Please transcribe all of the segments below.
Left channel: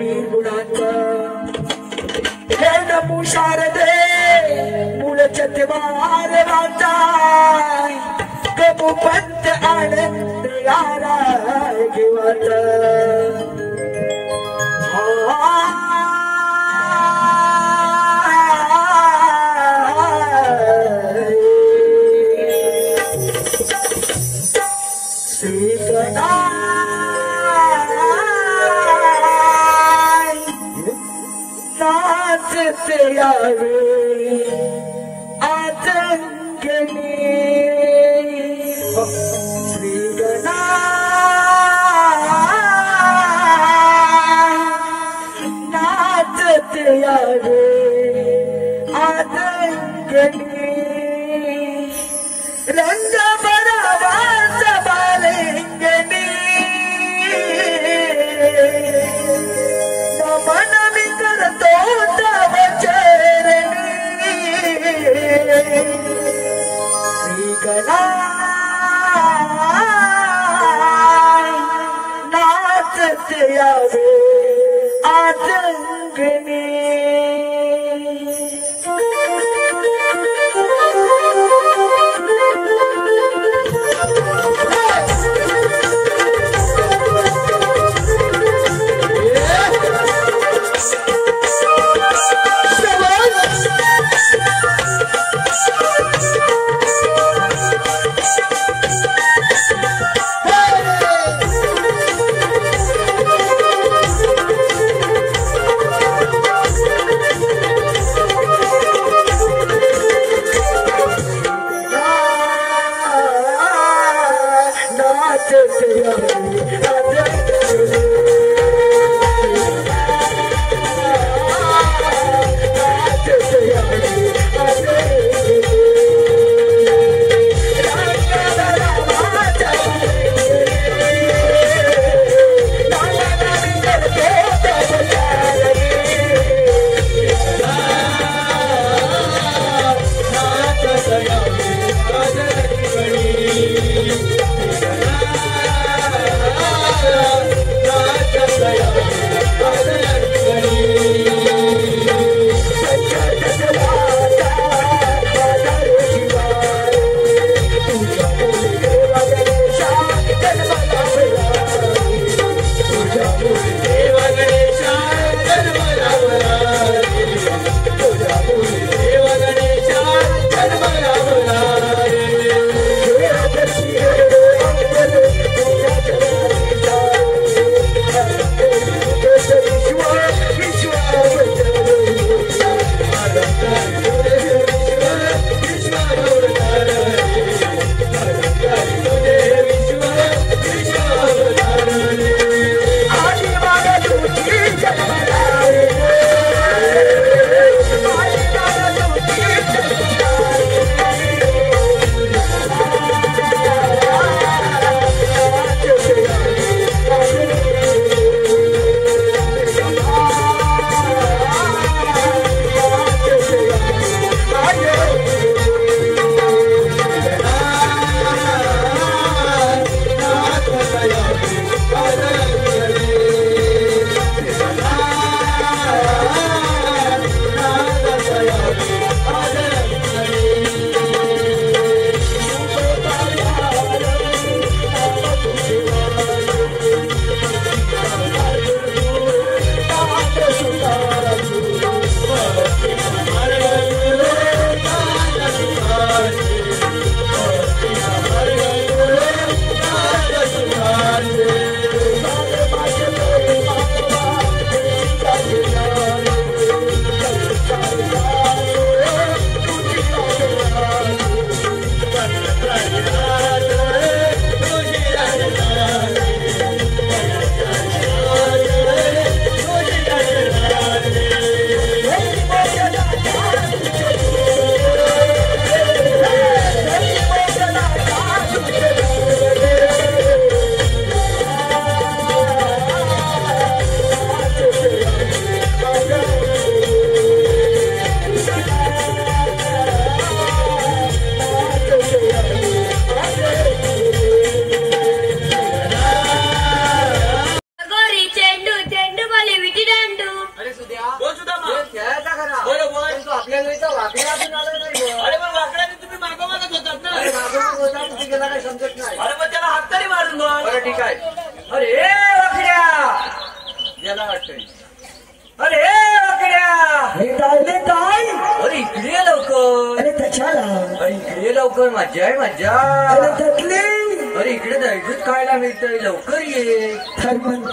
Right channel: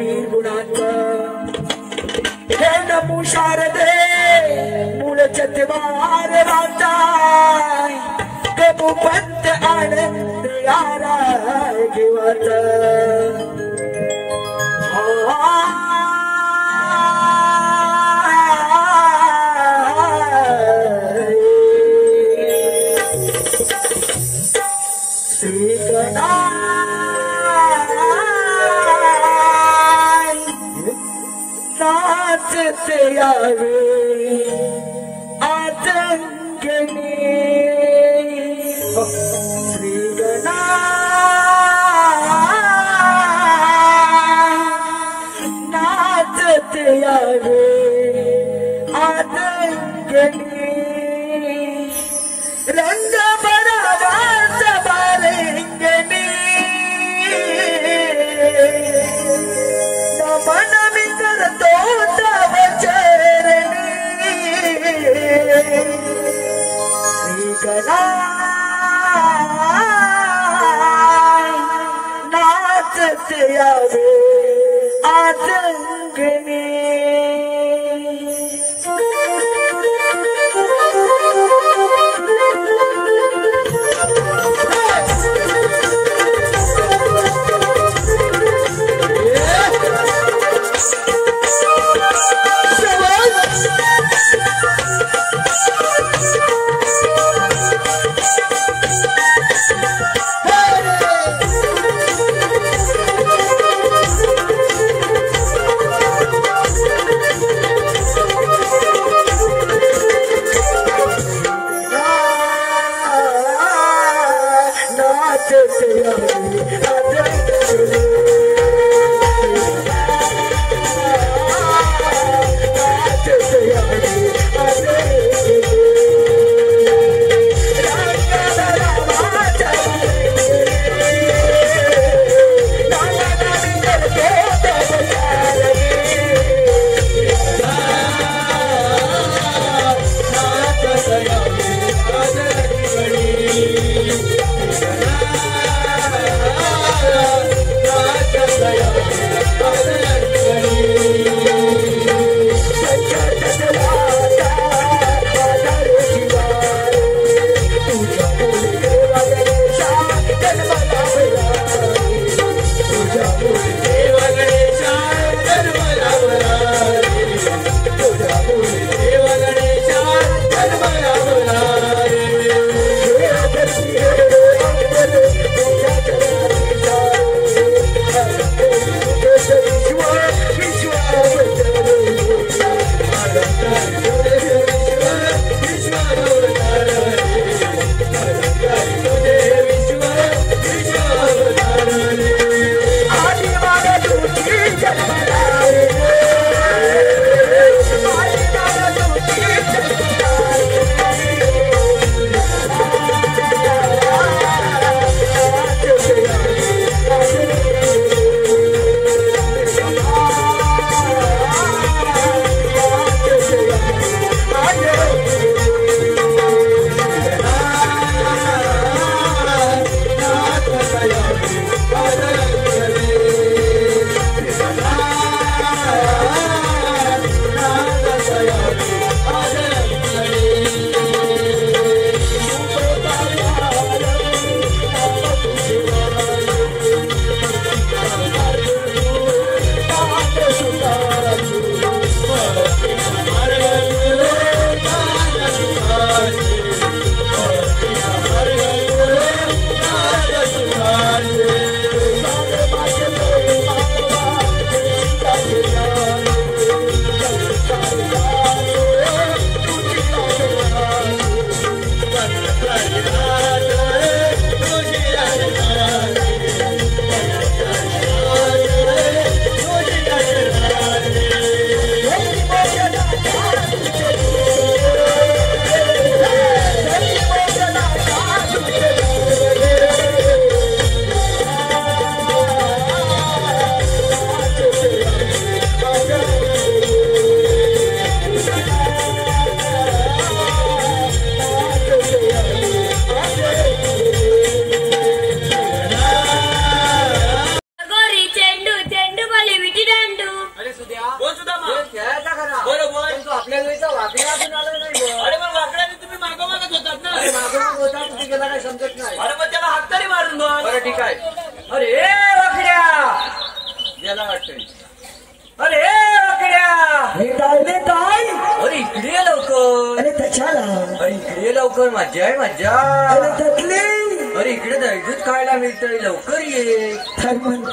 निर्गुणांक हे नमो शारदे मूलचते वार राताय देवो पंत आनंद याराय घेवात श्री नाचते यावे आतंकनी श्री नाचते यावे आतंकनी रंग बरावा सबालेंगनी मन विकर तो तव चरणी श्रीगणा नाचते आवे आतंकनी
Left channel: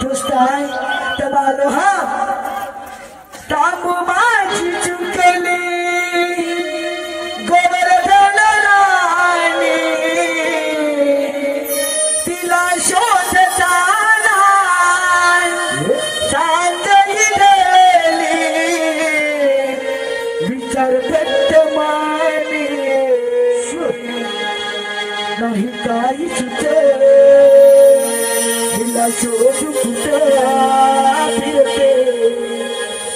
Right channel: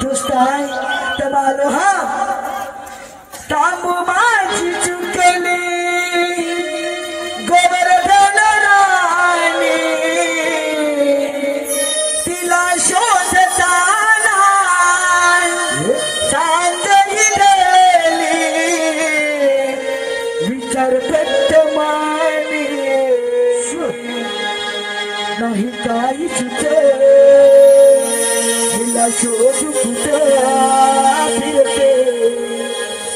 तुस्ताय तबालो हा तांबू माझी चुकली गोबर रडणाने तिला शोधता नाही चांदली गेली विचार व्यक्त माने नाही काही सुचे तिला शोधू कुठे फिरते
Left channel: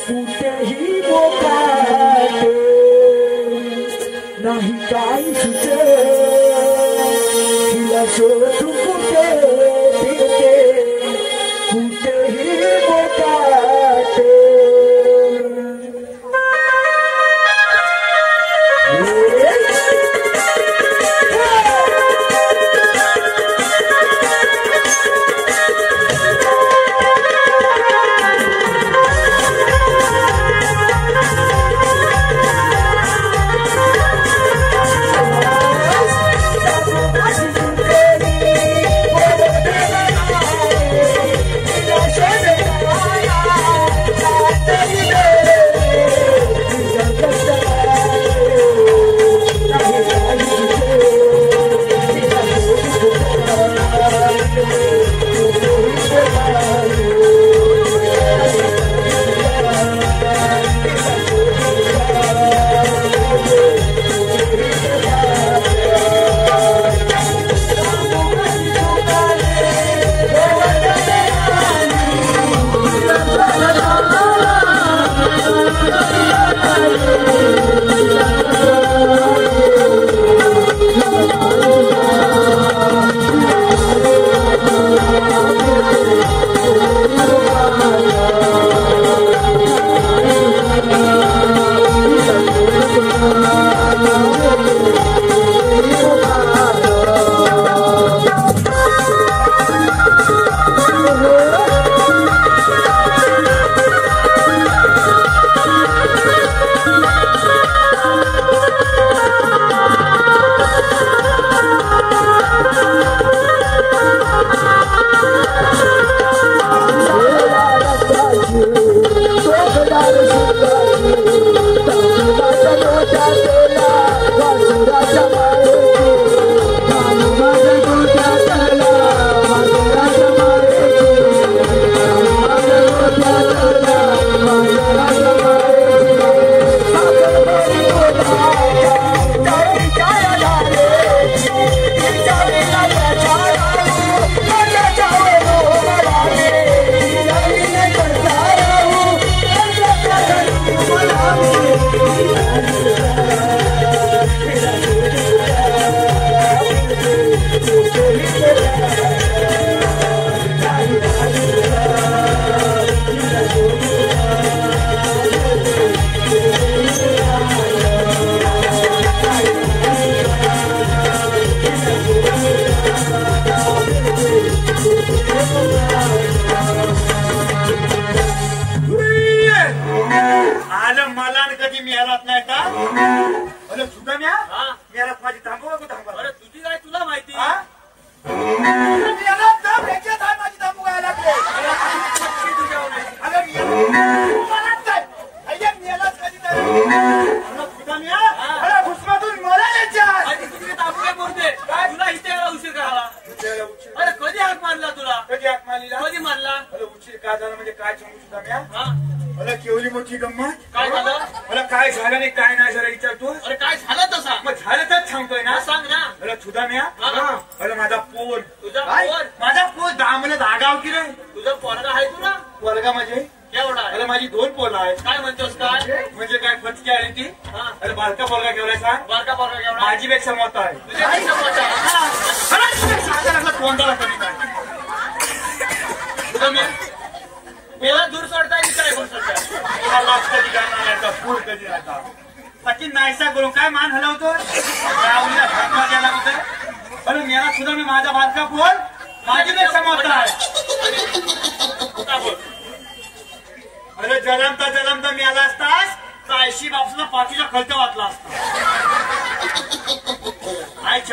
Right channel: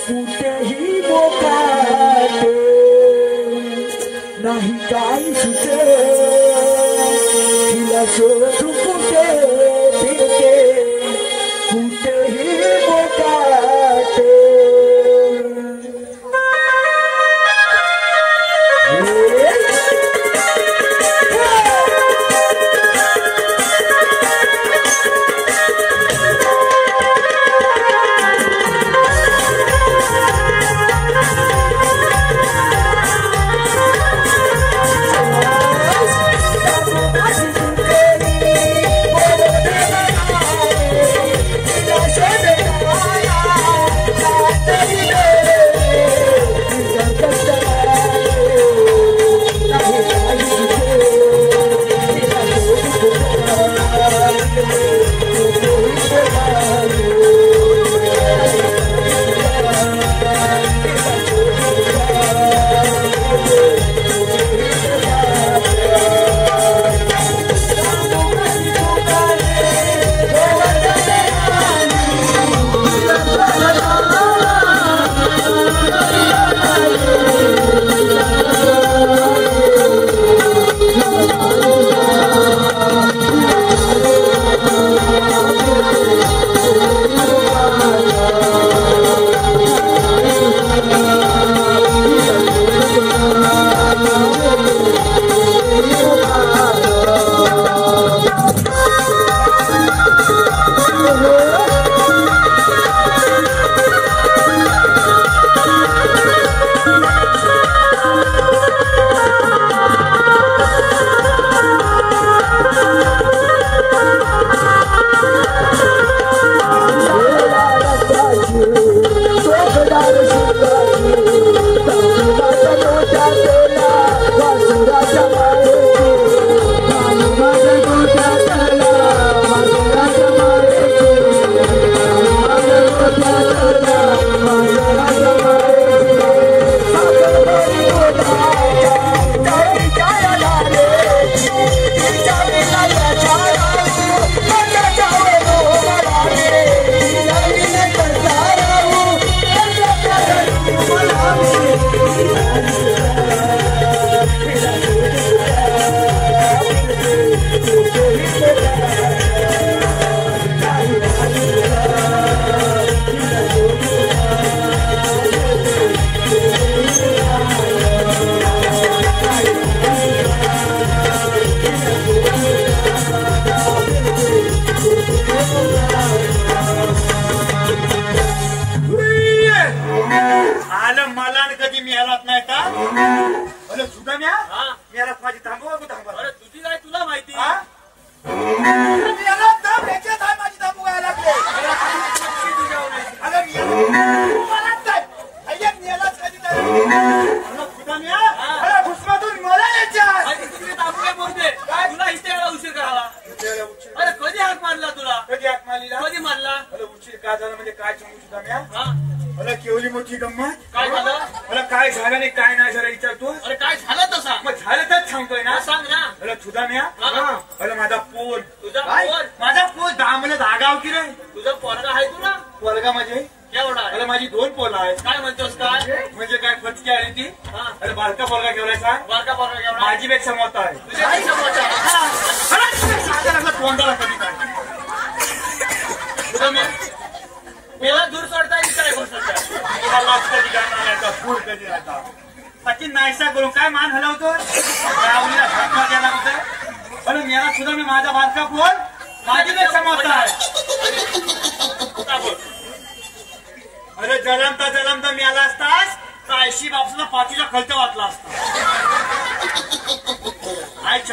कुठेही मोकाटे नाही काही सुचे तिला शोधू कुठे फिरते कुठेही मोकाटे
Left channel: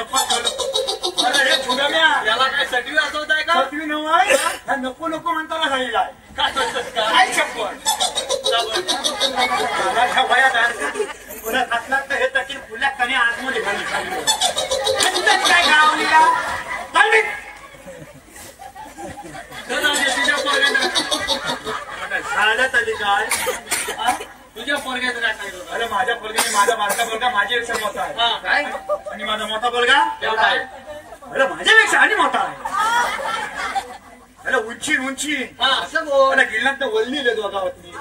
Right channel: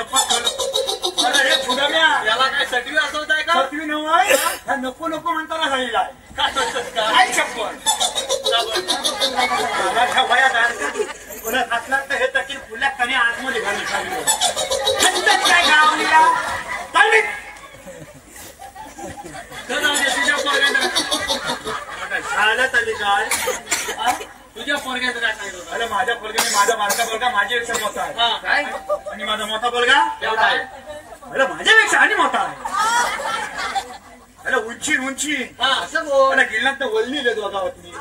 अरे हे छोटा याला काय सगळी असवत आहे का? नको नको म्हणताना तुझ्या पोरग्याचं काय सांगितलं? अरे माझ्या पोरग्याने माझा मागचा पोरगा माझ्यापेक्षा मोठा आहे काय आणि माझा मोठा पोरगा एवढा आहे? अरे माझ्यापेक्षा आणि मोठा आहे. अरे उंची असं बोल. अरे गिल्लात तर वल्ली रे दोघावरती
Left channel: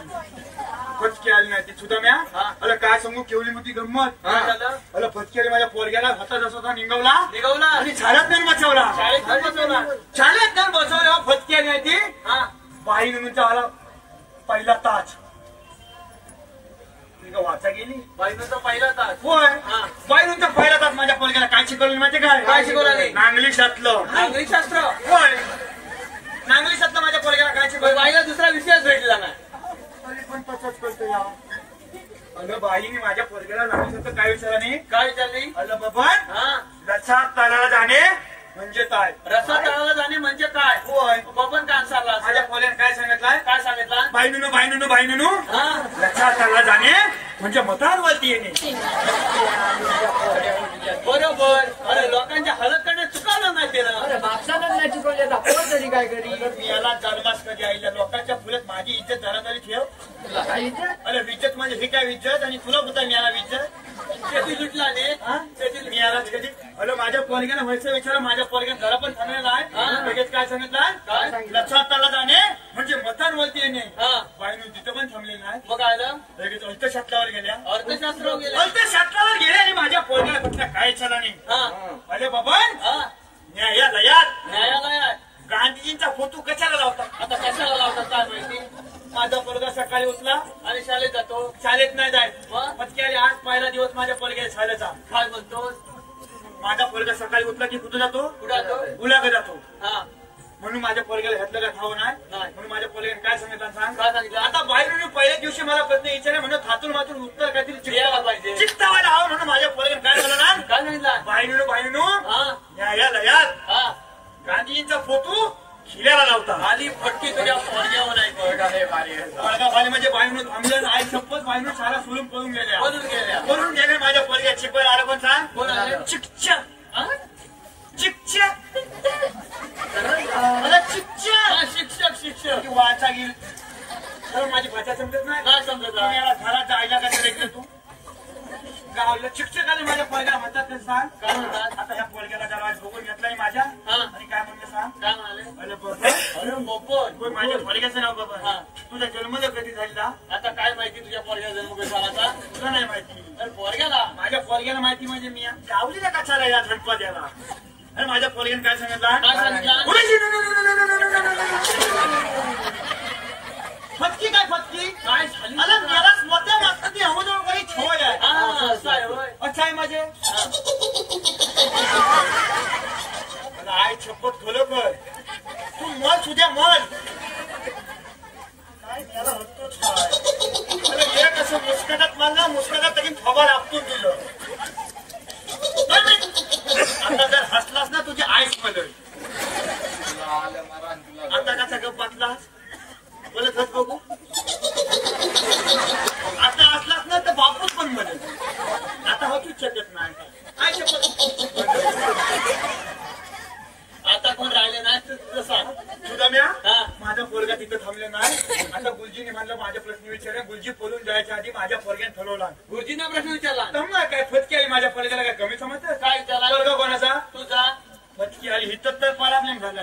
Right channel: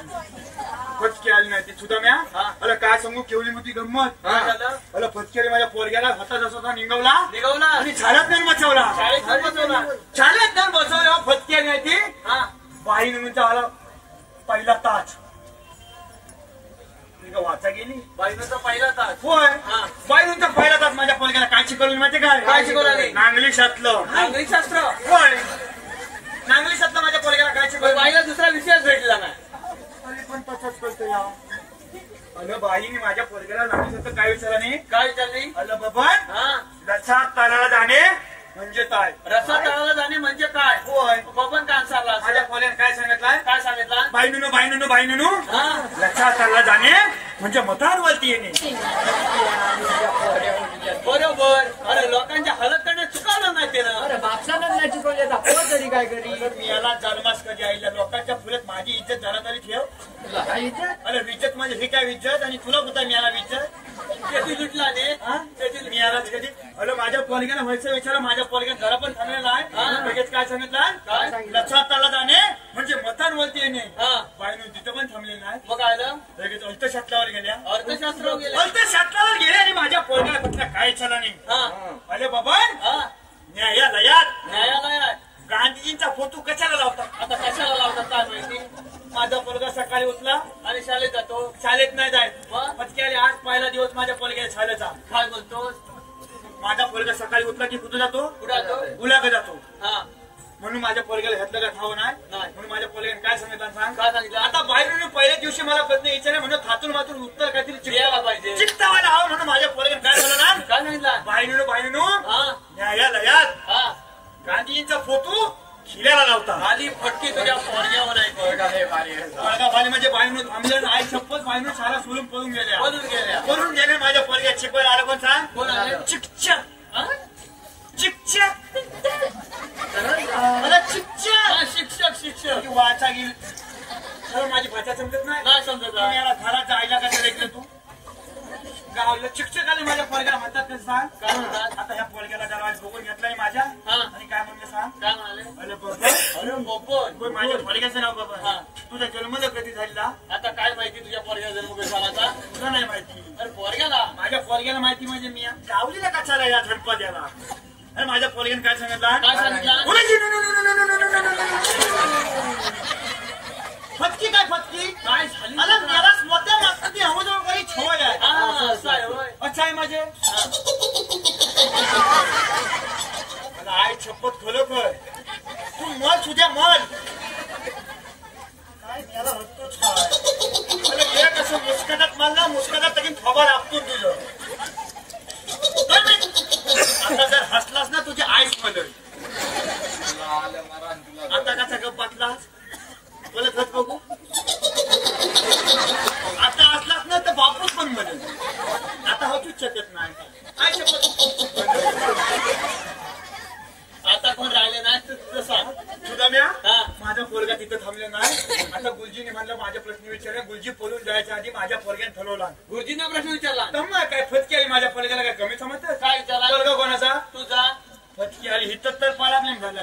फटकी आली नाही ती सुद्धा म्या. अरे काय सांगू केवढी मोठी गंमत. काय झालं? अरे फटकेने माझ्या पोरग्याला हातात असा निघवला निघवला आणि झाडात नाही बसवला. शाळेत पण बसवला. शाळेत जाऊन बसवले हो फटकेने आहे ती. बाई म्हणून आला पहिला ताज वाचा गेली बाईचा पहिला तास. होय बाई पहिला तास माझ्या पोरग्याला काय शिकवलं माहिती काय शिकवलं नाही? नांगली शास्त्र. नागरिक शास्त्र. होय नांगली शास्त्र माझ्या पोरग्याला काय शिकवलं. बाईला दुसरा विषयच भेटला नाही. तरी पण तसंच करतो या. अगं बाईने माझ्या पोरग्याला नांगली शास्त्र काय विचारलं नाही. काय विचारली? अगं बाबा रसा तळाला जाणे म्हणजे काय. रस्ता तळाला जाणे म्हणजे काय? होय बबन का answerला? माझ्या पोरग्याने काय सांगितलंय. काय सांगितलं? बाईनुनो रसा तळाला जाणे म्हणजे मतांवरती येणे. बरोबर. अरे लोकांच्या हलत करण्यात चुकायला नाही ते ना. अरे बापसालाच नाही शिकवले आता कोण तरी काय करी. मी याला जन्मास कधी आईला लोकांच्या फुलत माझी इज्जत जरा तरी ठेव. अरे विज्जत म्हणजे ही काय विज्जत आणि तुला कुठं मिळाला विज्जत. शेती लुटला ने. त्याची मिळालाच कधी. अरे माझ्या पोरग्याला व्हायचं विचार माझ्या पोरग्यात जरा पण थांबलेला आहे. लगेच काय सांगितलं. रस्ता तळाला जाणे म्हणजे मतांवरती येणे. बाईनं तिथं पण थांबलेलं नाही. मग काय झालं? लगेच अर्थशास्त्रावर गेल्या. अर्थशास्त्र गेले. अर्थशास्त्रावर गेले आणि माझ्या पोरग्याला कुठल्या काय चला नाही. अरे बाबा न्यायालयात न्यायालयात गांधीजींचा फोटो कशाला लावतात. आता कशाला लावतात काय माहिती? माझा पोरगा सकाळी उठला आणि शाळेत जातो. शाळेत नाही जायचं. मग? पटक्याने आज पहिला दिवस माझ्या पोरग्याला शाळेचा. काय म्हणतो? माझा पोरगा सकाळी उठला की कुठं जातो. कुठे जातो? गुलाग जातो. म्हणून माझ्या पोरग्याला घातलं का ठाव नाही. म्हणून माझ्या पोरग्याने काय सांगितलं सांग. काय सांगितलं? आता बाहेर पहिल्या दिवशी मला प्रश्न विचारले म्हणून थातून मातून उत्तर काहीतरी द्यायला पाहिजे. चित्तावायला हवं म्हणून माझ्या पोरग्याने काय झालं ना. काय सांगितलं? बाहेरनो न्यायालयात गांधीजींचा फोटो खिल्याला लावता. आली फटकी तुझ्या पोरग्यावर आहे. पोरगा बाली म्हणजे बाईनं थांबल्या आई शपथ बाईनं शाळा सोडून पळून गेल्या. पळून गेले माझ्या पोरग्या शिकवायला आलं पण सांग. कोण आले? चिकच्या मला चिकच्या शिक्षक वाचा गेली. माझी भाषा समजत नाही. काय समजत? घराच्या आईला कसं देखलं तू गावला शिक्षक आले माझ्या पोरग्याला म्हणतात ते सांग. काय म्हणतात? आता या पोरग्याला जरा आज बघून घेतलाय माझ्या आणि काय म्हणते सांग. काय म्हणाले? अरे बाबा अरे मोकोन. माझ्या पोरग्याचं नाव बाबा तुझा जन्म कधी झाला. आता काय माहिती तुझ्या पोरग्याला उभे झाला? तुला नाही माहिती. अरे पोरग्याला माझ्या पोरग्याला माहिती म्हणजे मी गावलीला कशाला या गणपत्याला. अरे माझ्या पोरग्याने काय सांगितलं. काय सांगितलं? फटकी काय फटकी काय झाली? अरे मला स्वतः मागतं ती अमोजवळ काही छोय आहे. असं आहे होय. अच्छा आहे माझे आय शपथ खरोखर तू मल तुझ्या मल काय त्याला म्हणतोच काय. अरे एक असं मुस्कटात मारला मुस्कटात तरी खबर आपतो तुझं. आता जर हसलास ना तुझी आईस पडल. आता कसा गप बसलास बोलत होत बघू. आता हसलास ना तर बापूच पण बदल. आता हसूच शकत नाही. काय शपथ आता कोण राहिले नाही तुझं सांग. तुला म्या माझा पोरगा तिथं थांबले नाही. आता गुरुजीने म्हणलं माझ्या प्रश्न विचारले. गुरुजी पळून जायच्या आधी माझ्या पोरग्याने ठरवला. गुरुजीने प्रश्न विचारला. तम्मा काय फटकी आली माझ्या पोरग्याला काय कमी समजतं. काय विचारला? पोरगा कोणाचा. तुझा. फटकी आली हिथं तर प्रॉब्लेम झाला.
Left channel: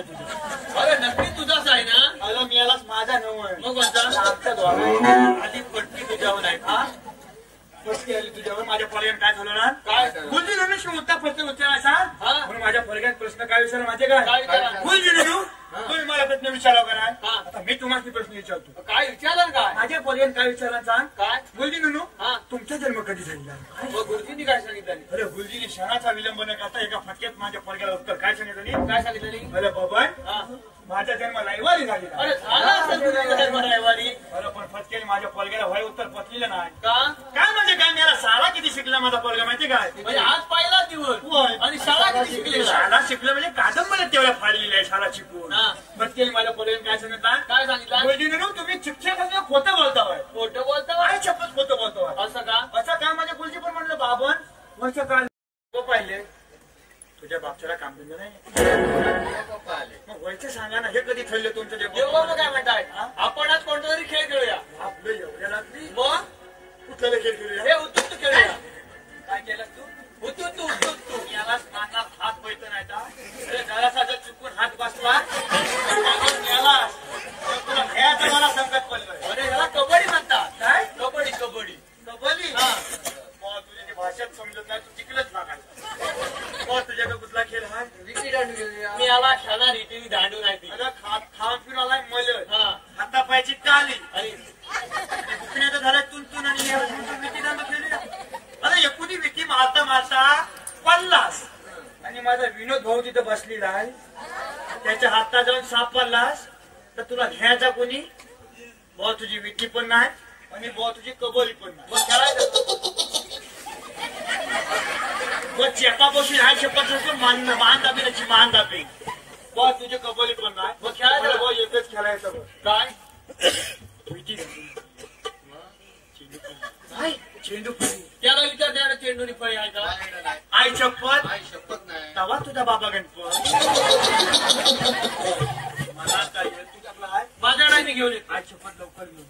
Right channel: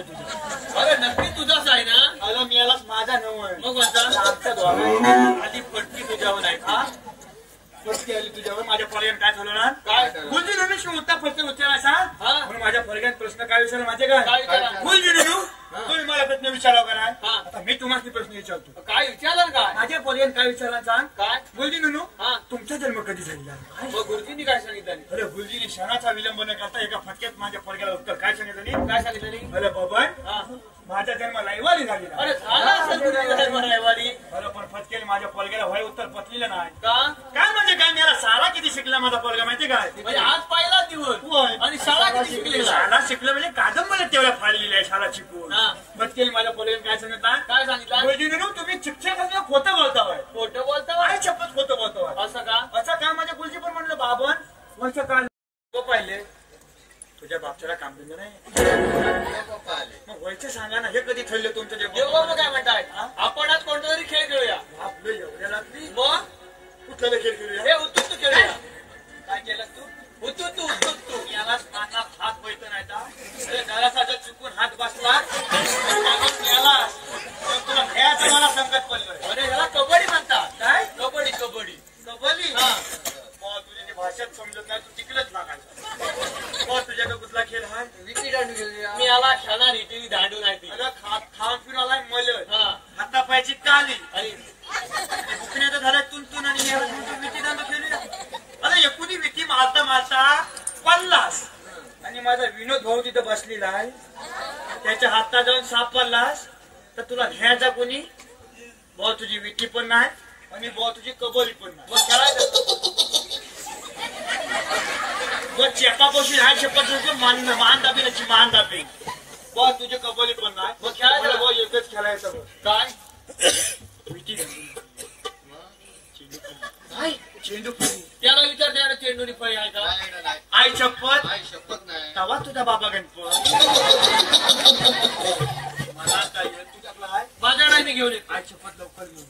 अरे नक्की तुझाच आहे ना. आलो मी यालाच माझा नव आहे. मग कोणता? आमच्या दोघांनी आधी फटकी तुझ्यावर आहे. फटकी आली तुझ्यावर. माझ्या पोरग्याने काय ठरवलं. काय? गुरुजी रमेश मोठा प्रश्न विचारायचा. म्हणून माझ्या पोरग्याने प्रश्न काय विचारला माहिती काय काय. विचारला? गुरुजी तुम्ही मला प्रश्न विचारा करा. हा. आता मी तुम्हाला प्रश्न विचारतो. काय विचारलं काय? माझ्या पोरग्याने काय विचारला सांग. काय? गुरुजी हा. तुमचा जन्म कधी झाला. मग गुरुजींनी काय सांगितलं? अरे गुरुजीने क्षणाचा विलंब न करता एका फटक्यात माझ्या पोरग्याला उत्तर काय सांगितलं. काय सांगितलं? अरे बाबा माझा जन्म रविवारी झालेला. अरे झाला असेल तुझा जन्म रविवारी. अरे पण फटक्याने माझ्या पोरग्याला व्हाय उत्तर पचलेलं नाही. का? काय म्हणजे काय मला सारा किती शिकला माझा पोरगा माहिती काय. म्हणजे आज पहिला दिवस आणि शाळा किती शिकलेला. शाळा शिकलं म्हणजे कादंबऱ्या तेवढ्या फाडलेल्या आहे शाळा शिकवून. फटकेने माझ्या पोरग्याने काय सांगितलं. काय सांगितलं? गुरुजीने तुम्ही शिक्षक खोटं बोलताय. खोटं बोलता. काय शपथ खोटं बोलताय. असं का? असं का माझ्या गुरुजी पण म्हटलं बाबा वरच्या काळ पाहिले मला संकट पडलं. अरे याला कबड्डी म्हणतात. काय कबड्डी कबड्डी. कबड्डी हा. तुझी भाषात समजत नाही, तू तिकडेच लागायचं. तुझ्याकडे कुठला खेळ हा? मी याला खाना रीतीने दांडू नाही ती. अगं खाम फिरवलाय मल हा. हातापायची काली आणि तर झालं तुंतून अरे एकुणी विकी मारता मारता पडलास आणि माझा विनोद भाऊ तिथं बसलेला आहे. त्याच्या हातात जाऊन साप पडलास तर तुला घ्यायचा कोणी? भाऊ तुझी विकी पण नाही आणि भाऊ तुझी कबोली पण नाही. मग करायचं चेपा बसून आहे चेपा मान दाबे मान दाबे. भाऊ तुझी कबोली पण नाही. मग खेळायचं भाऊ एकच खेळायचं. काय चेंडू फळी. त्याला विचार द्या चेंडूनी फळी आहे का? आई शपथ नाही. तवा तुझा बाबा गणपत मला काय तुझा काय माझ्या नाही मी घेऊन येत. आई शपथ लवकर तू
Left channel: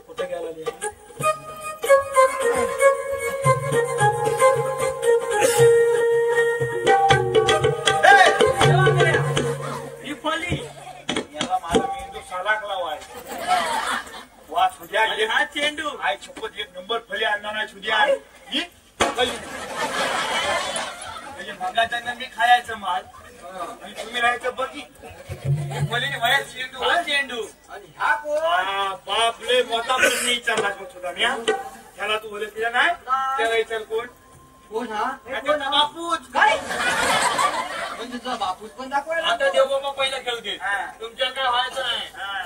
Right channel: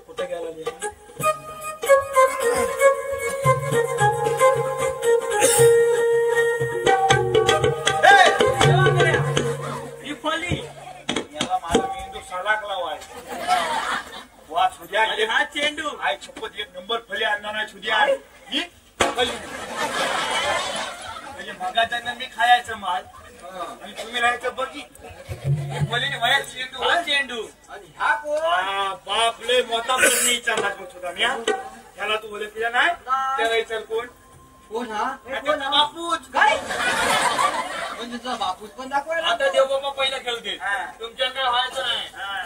कुठे गेला रे? ही फळी याला माझा मेंदू सलाकला वाय वा सुद्या हा चेंडू. आई शपथ एक नंबर फळी आणणार नाही सुद्या आहे ही फळी. म्हणजे मंगाच्या मी खायचं माल आणि तुम्ही राहायचं बघी फळीने वयात चेंडू हा चेंडू. बाप लय मोठा प्रश्न विचारला होता मी. त्याला तू बोलत दिला नाही त्याला विचार कोण? कोण हा? त्याचा बापूच. काय म्हणजे तुझा बापूस पण दाखवायला? आता त्या बाबा पहिला खेळते. हा. तुमच्याकडे व्हायचं नाही. हा.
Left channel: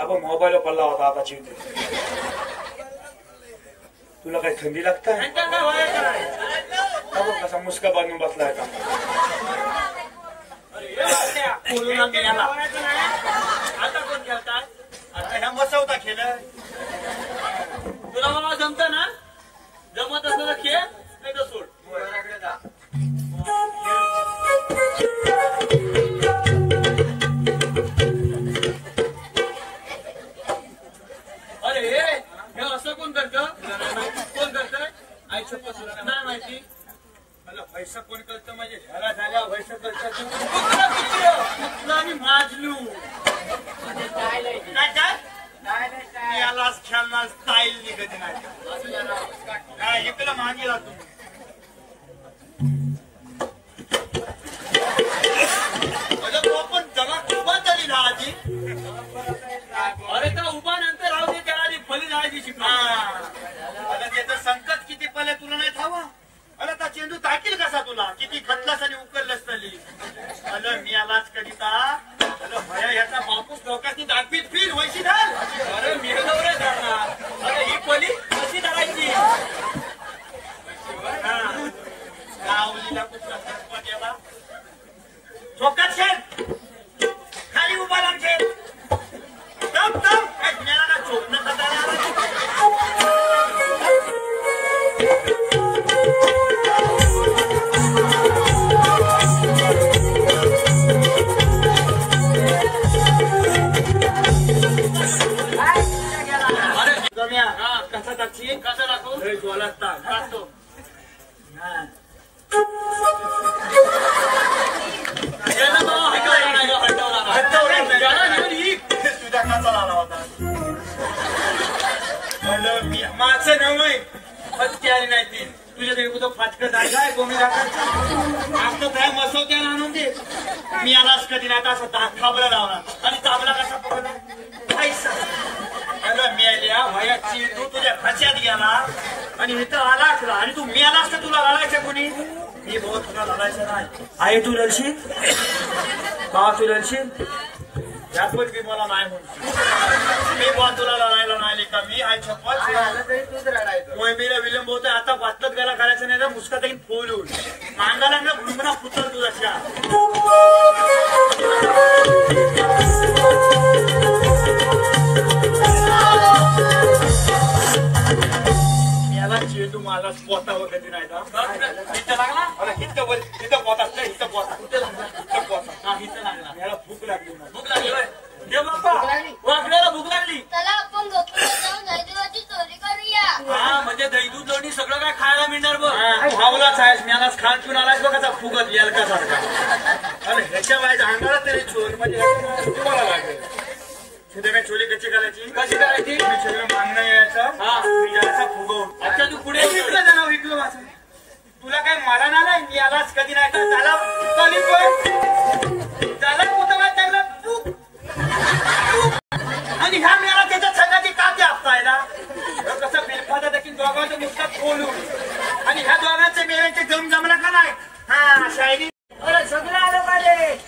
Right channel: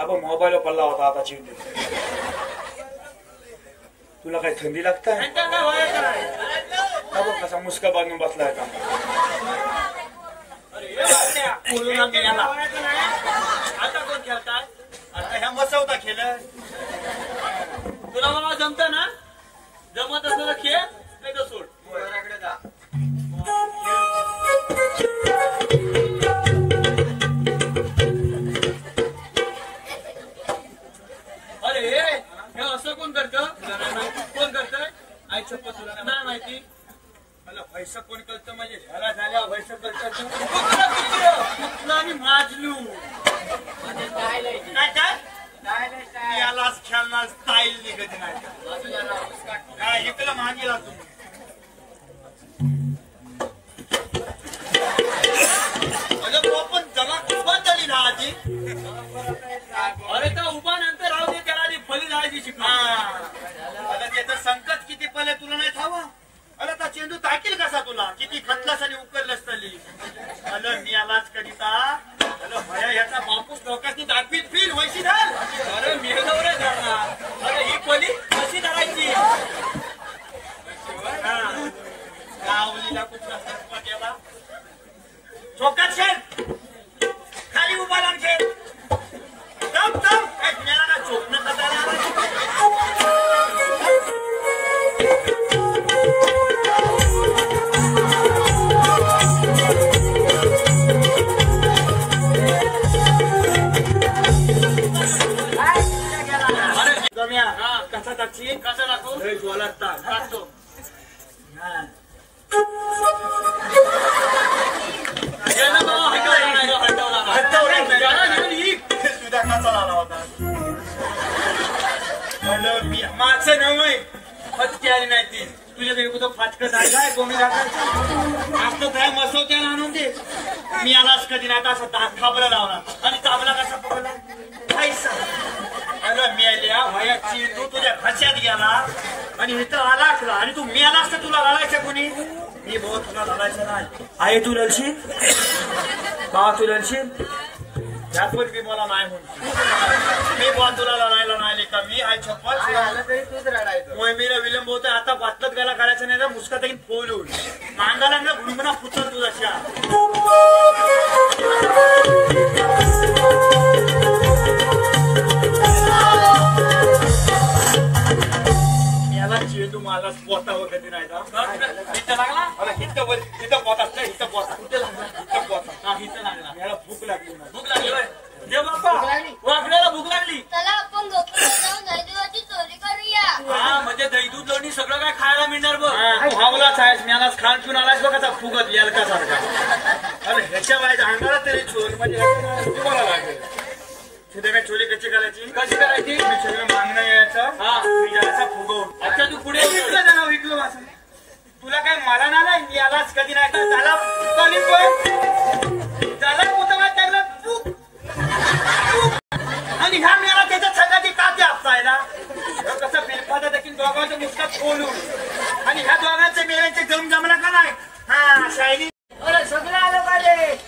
आपण मोबाईल पडला होता आता चिवते. तुला काही थंडी लागतं? त्यांच्याकडे व्हायचं नाही. कसा मुसका बांधून बसला होता. बोलून गेला. आता कोण खेळताय? आता ह्या मसवता खेळ तुला मला जमतं ना? जमत असलं तर खेळ नाही तर सोड. अरे हे असं कोण करतं? कोण करतंय? आई शपथ तुला नाही माहिती. मला पैसा कोणी करतं म्हणजे घरात आल्या पैसा करतं. तुला मी माजलू. काय काय यालाच खेळणार स्टाईल निघत नाही. काय इकडं मागे लागतो. पण जगा खूपच झाली ना आधी. अरे का उभा नंतर राहू दे त्याला आधी फळी जायची शिकणार. अगं त्याचं संकट किती पहिले तुला नाही ठावा. अरे का चेंडू टाकील कसा तुला? किती खतलास आणि उकललंस तरी. अरे मी आलाच कधी का? अरे भया ह्याचा बापूस लोकांची दाखवीत फीट व्हायची ना. अरे मी नवरे जोडणार. अरे ही फळी कशी धरायची? गावलीला कुठला सरपंच याला चोकात शेत खाली उभा लागते. तम तम एकमेकाला का चोकणं बदलणार. अरे जम्या कसा दाखची कसं दाखवू? बोलत दाखवतो. याला तो हटवला नाही. याला घेऊन ये. तुझा कसा झाला होता? मागचं नवय पण तयारी नाही ती. तुझ्या तरी कुठं फाटकं झालं आहे कोणी आज तो काय मसवत्या राहणार ते. मी आलाच कधी नाही तसा खाबरा लावला आणि चाबला कसा पडला पैसा. मी आल्या वयाची तू तुझ्या खच्यात गेला आणि मित्र आला आणि तू मी आलास तर तुला लावायचं कोणी? मी बघ तुला लावायचं नाही. आई तू लढशील हा तू लढशील याचवर मी मला नाही म्हणतो. मी बॉल तुला लढायला नाही का? मी आई छप्पन मोहिमेला विलंब होत आहे. आता बातलात गेला करायचं नाही ना मुसका तरी फोलून मांगाला ना भुमरा फुचल तुझ्या. मला पोता वगैरे नाही का इथं लागला मला इथं बोल इथं पोता असतं इथं पोता इथं पोता हा इथं लागला याला भूक लागली भूक लागली देव बाप्पा वाघण्याला भूक लागली चला आपण गोकुळात जाऊन दैदूधाची चोरी करूया. हा म्हणजे दही दूध लोणी सगळं काय खायला मिळणार बघ भावलाच आहेस मी आलाच खाण पिऊन आलाच बघ आता फुगत याल का सारखा आणि ह्याच्या बायच्या अंगाला तरी चोर म्हणजे तुम्हाला लागेल मी चोरी कशी करायची मागणं यायचं मी याचा फुगव अच्छा तू पुढे विकलं त्याला विकलं वाचून तुला काय मला नाही मी आलाच कधी नाही त्याला त्याला पुतळा टाकला तू आणि ह्या मेला त्याच्या सगळ्याची काच आपसायला कसं बिलखादा देखील दोघांचं नुसतं बोलू आणि ह्या दोघांचे मेल्याचे गम जमला का नाही हा शायरी सगळं आलं पाहिजे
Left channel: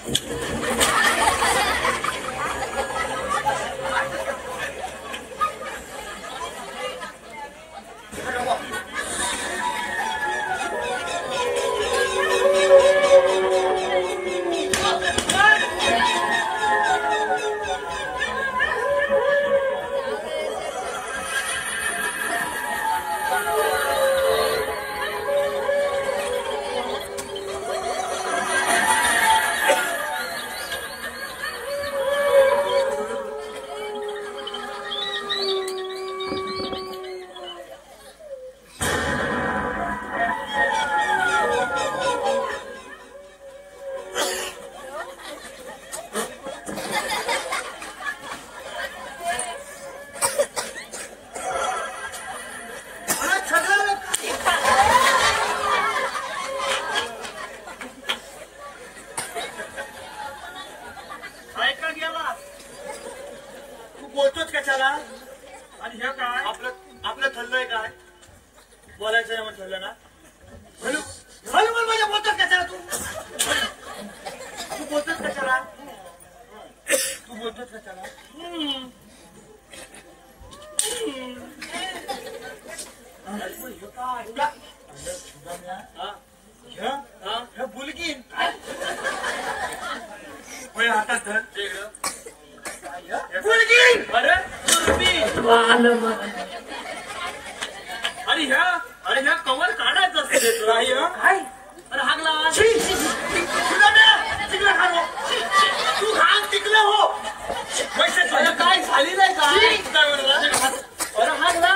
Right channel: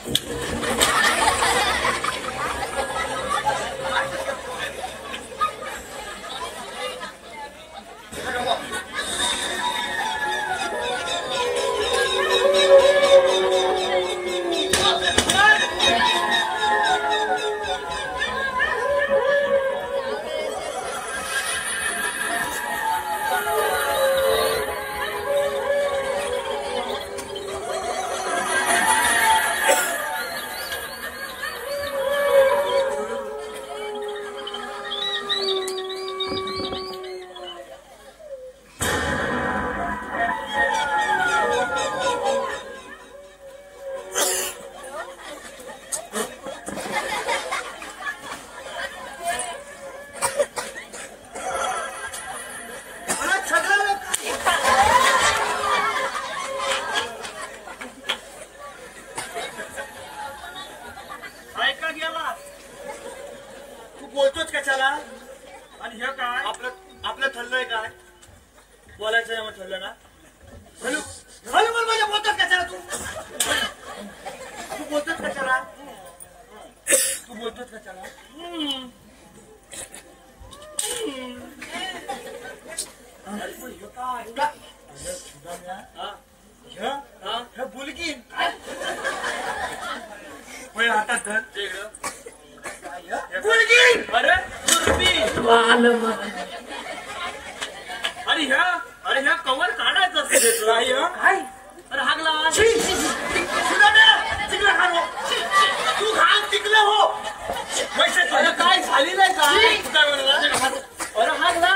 आणि हे काय आपलं ठरलंय काय बोलायचं ना ठरलं ना माझ्या बोलतात कशाला तू बोलतात कशाला तू बोलतोस कशाला बोलकीन हातात धर बोलकीन अरे आणि ह्या कमल काढायचं असतं अरे हागला तू हात तिकलं हो काय झाली नाही काय अरे हागला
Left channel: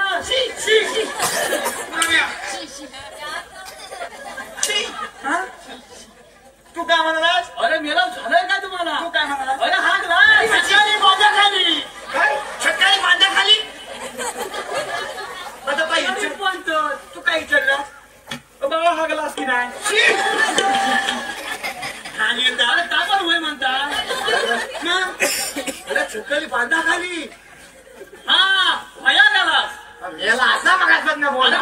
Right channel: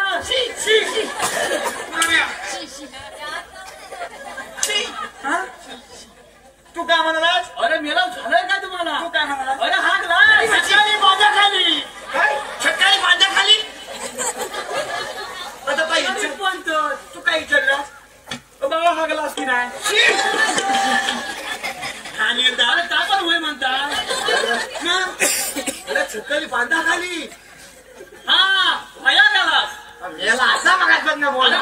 तू काय म्हणालास अरे मेला झालंय काय तुम्हाला तू काय म्हणालास अरे हागला माझ्या खाली काय सकाळी माझ्या खाली तू काय विचारलं बाबा हागलास की नाही आणि ताकद होय म्हणता सकाळी बांधा खाली हा भया गेलास याला आता मगाच बघ ना बोल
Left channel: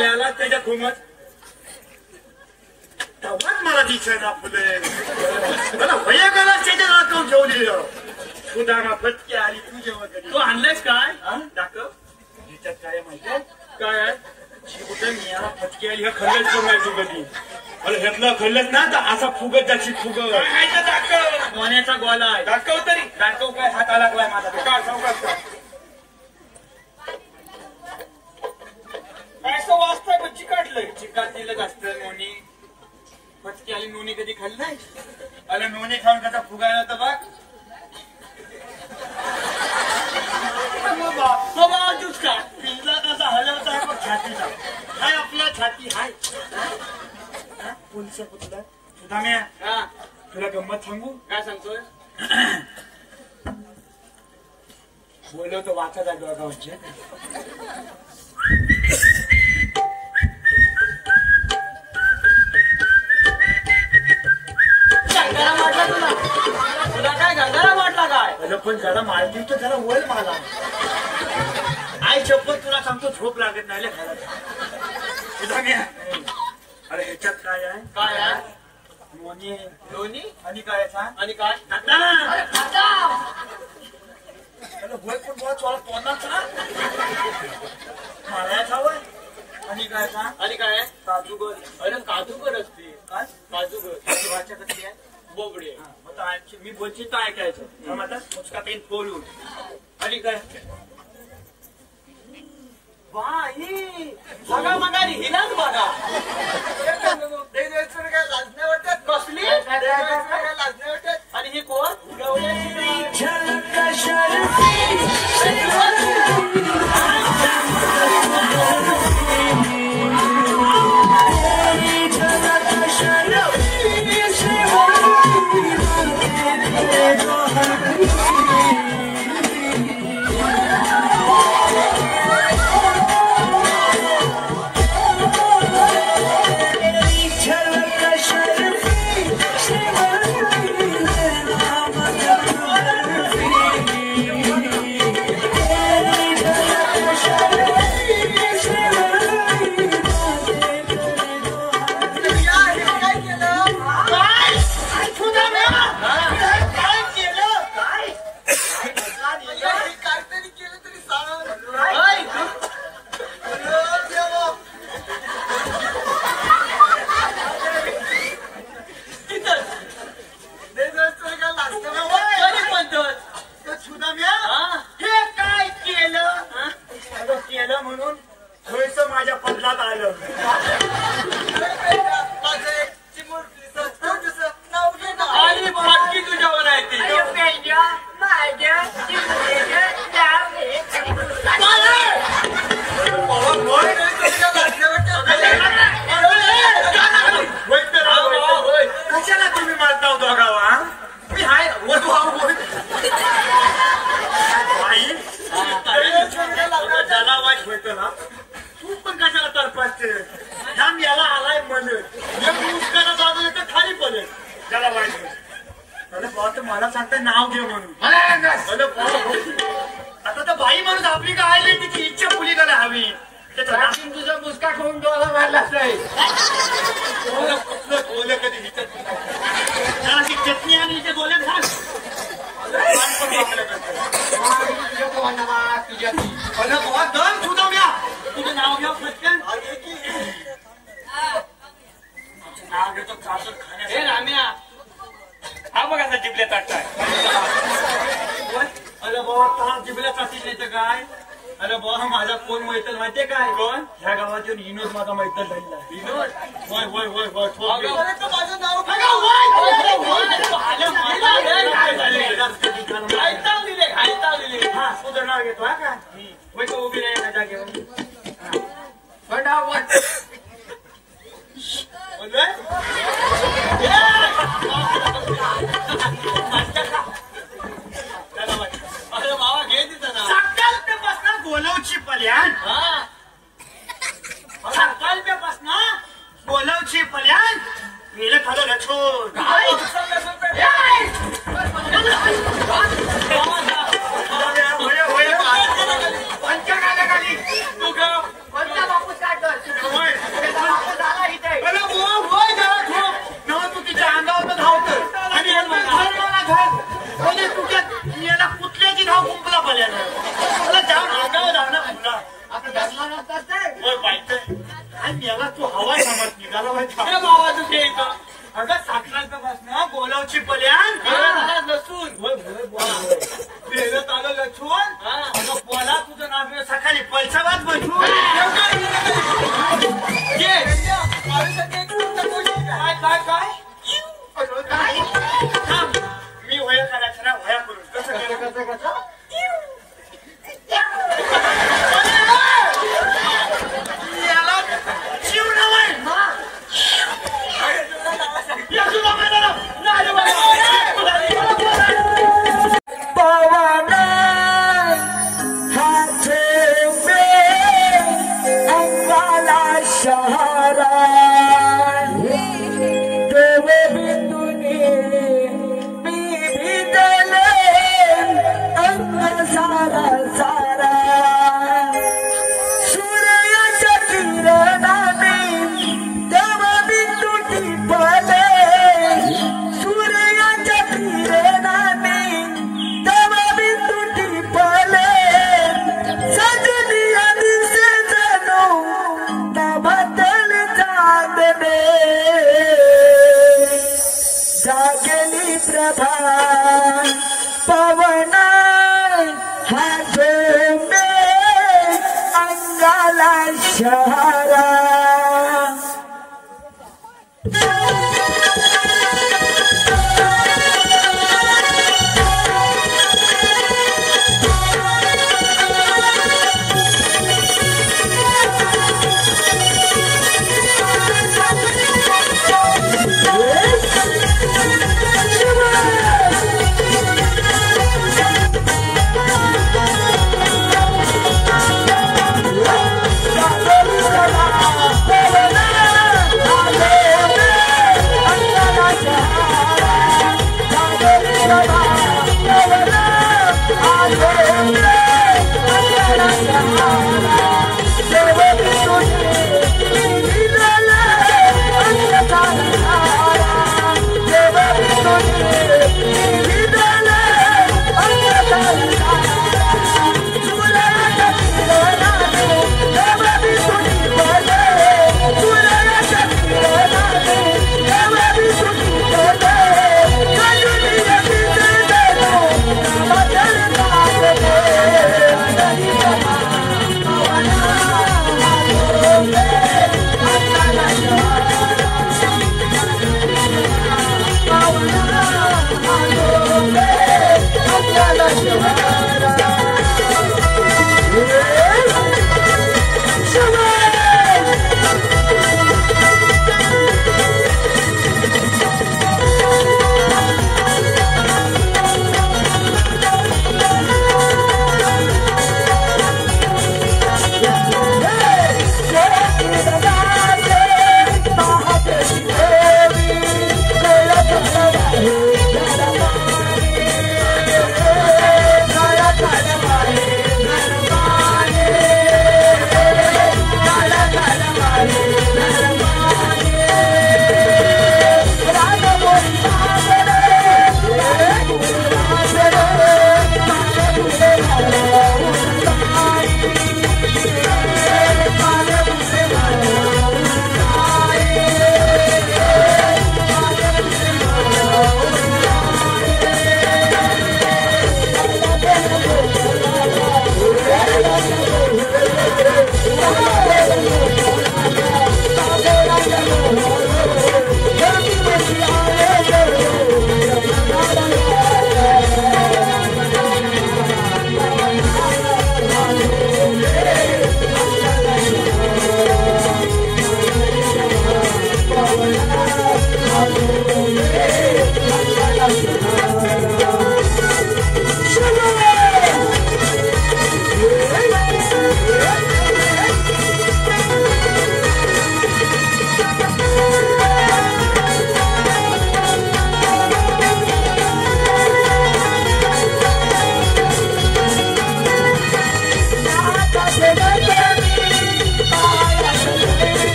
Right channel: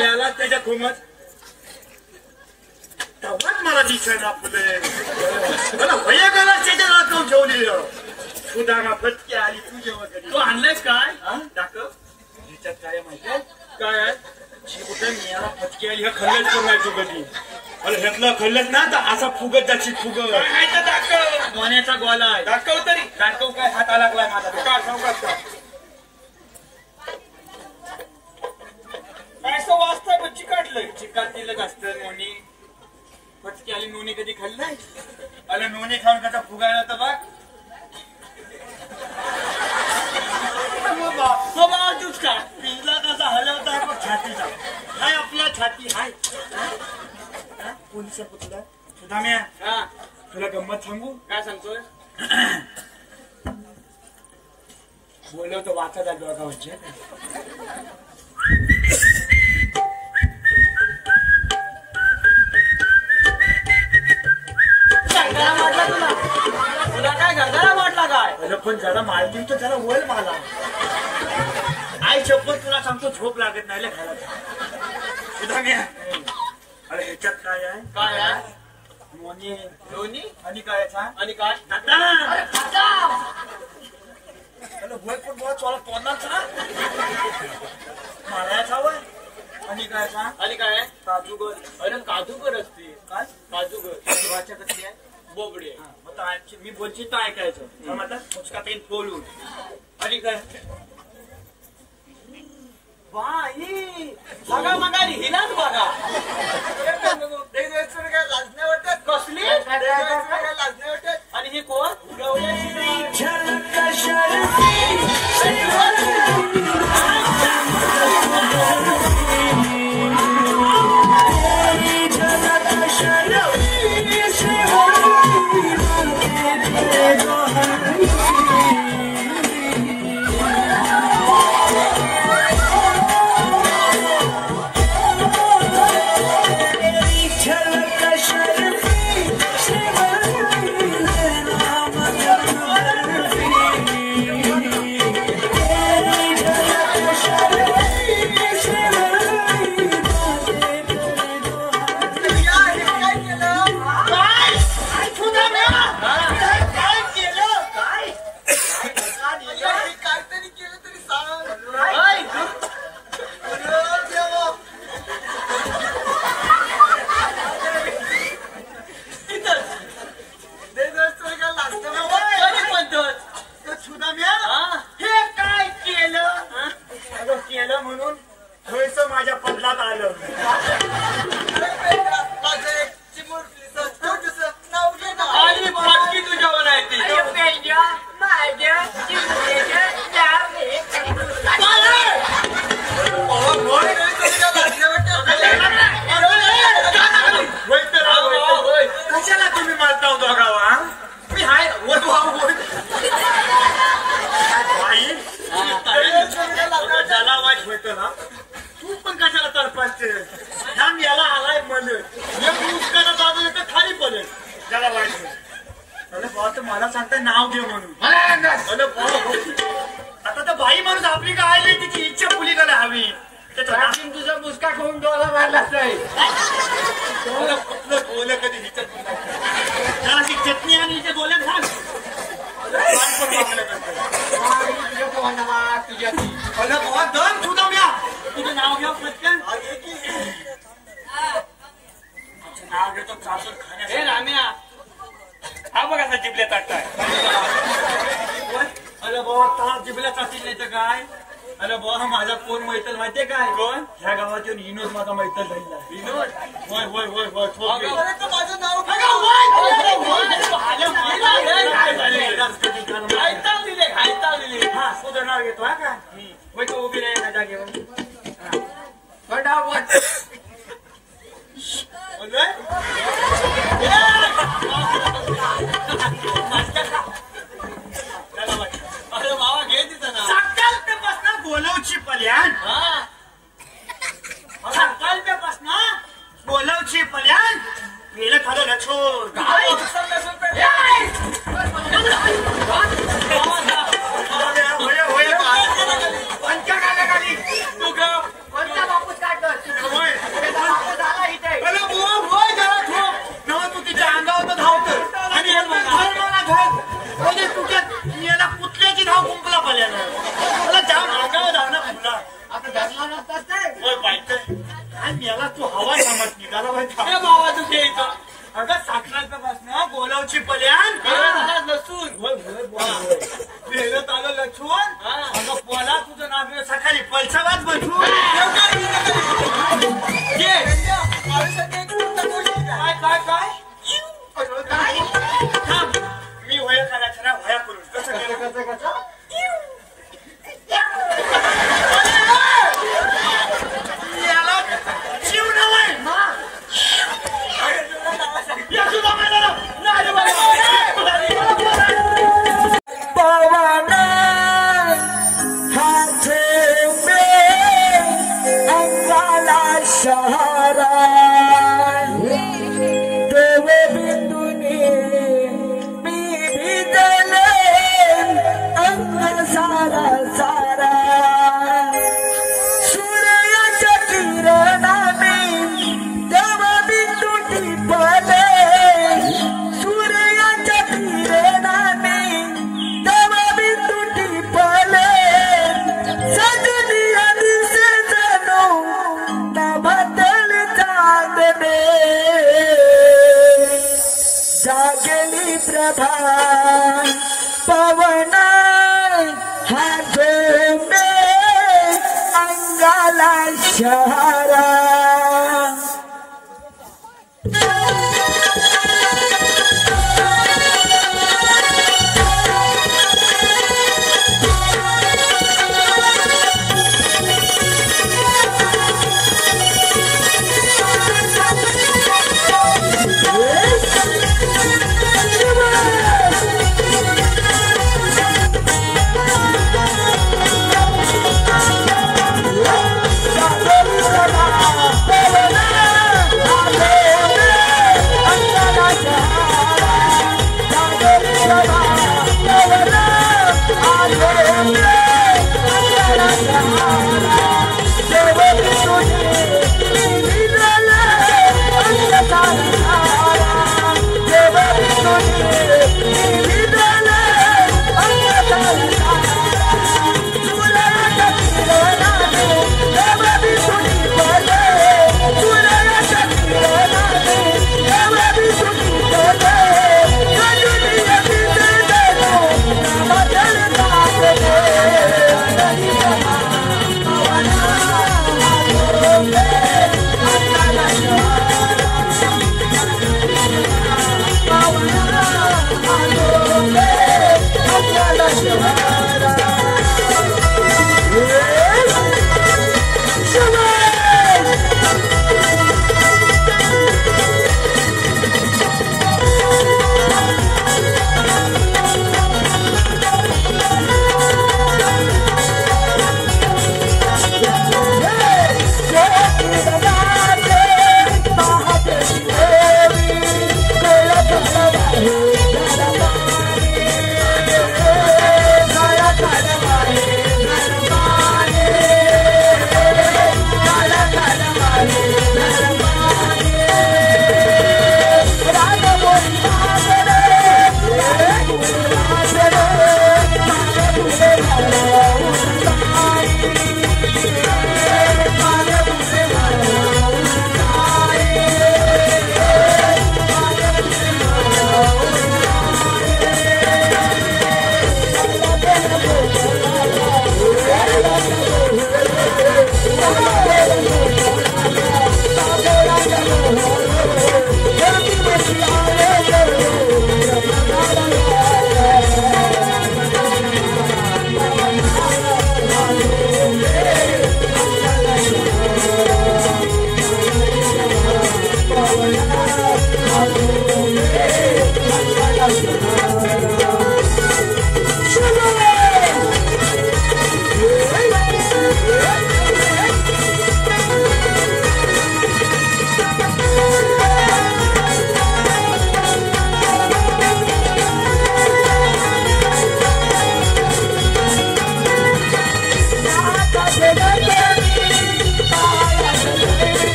याला त्याच्या घुमत तेव्हाच मला दिसायला फुले मला भया गेला त्याच्या नाकावर ठेवलेलं सुधारणा फटके आली तुझ्या वगैरे तू आणलायस काय दाखव ह्याच्यात काय म्हणतात काय आहे मी याला फटके आली हे खल्लच बघायचं कधी अरे ह्यातलं खल्लच ना तर असा फुगत जायची फुगत काय तर दाखव मोन्याचा गोला आहे दाखव तरी दाखव काय हाता लागलाय माझा काय सावकाश का काय असं वाचतंय बच्ची काढलंय चिकन दिलं असतं नोनी फटकी आली नोनी कधी खाल्लाय अरे नोनी खाऊन कसा फुगायला तर बघ बाबा दूध का पिंजरा कसा हलवत आहे बघ छातीला हाय आपल्या छाती हाय पोलिसा पुतला तुझा मी हा तुला गंमत सांगू काय सांगतोय बोललो तर वाचा लागलो का म्हणजे तुला काय गंगारा वाटला काय पण जरा मारतील तर जरा वळ मला आई शपथ तुला सांगतो झोप लागत नाही तुझा मी अरे ह्याच्यात काय आहे काय आहे मोनी दोन्ही आणि काय आणि काय वय पण मला तोंडाचा मारायचा वय आणि काय आणि काय काजूगर अरे काजूकर असते काय काजूकर जीवाच्या कसली आहे बोबडे मी बोलची तर ऐकायचं म्हणतात मुचका तेल बोलून आणि काय बाई बाबा दम सुटवल्या तुझं नाव घ्या पटकन नाव घेतो चालू हे राम्या हा बघा आता जिबल्या टाकताय अरे बाबा का जिबल्या टाकतील नाही तर काय अरे बाबा माझा कोण मैत्रीण माहितीये काय कोण ह्या गावात येऊन विनोद माझा मैत्रीण झालेला विनोद होय होय होय होय माझं नाव हा तुझं नाव घेतो हा का वैक उभी रे जागेवर अरे बाबा घे तिथं ना संकल्पासून बोलवची पल्याण संकल्पासून बोलवची पल्याण गेलं खालं लछोर कुठल्याची धाव कुंपला पल्यानं जाम आगाव धावना फुला आता घातला नसताच याला तू हवा समज निघाला बाबा तू ते अगं साखराचं बोलावची पल्यान लसून आलं लसून बोला तुझं नाव सकाळी पैसालाच बसून काय मी होया करा होया करून कसं कसं पवन अंगाला शहरा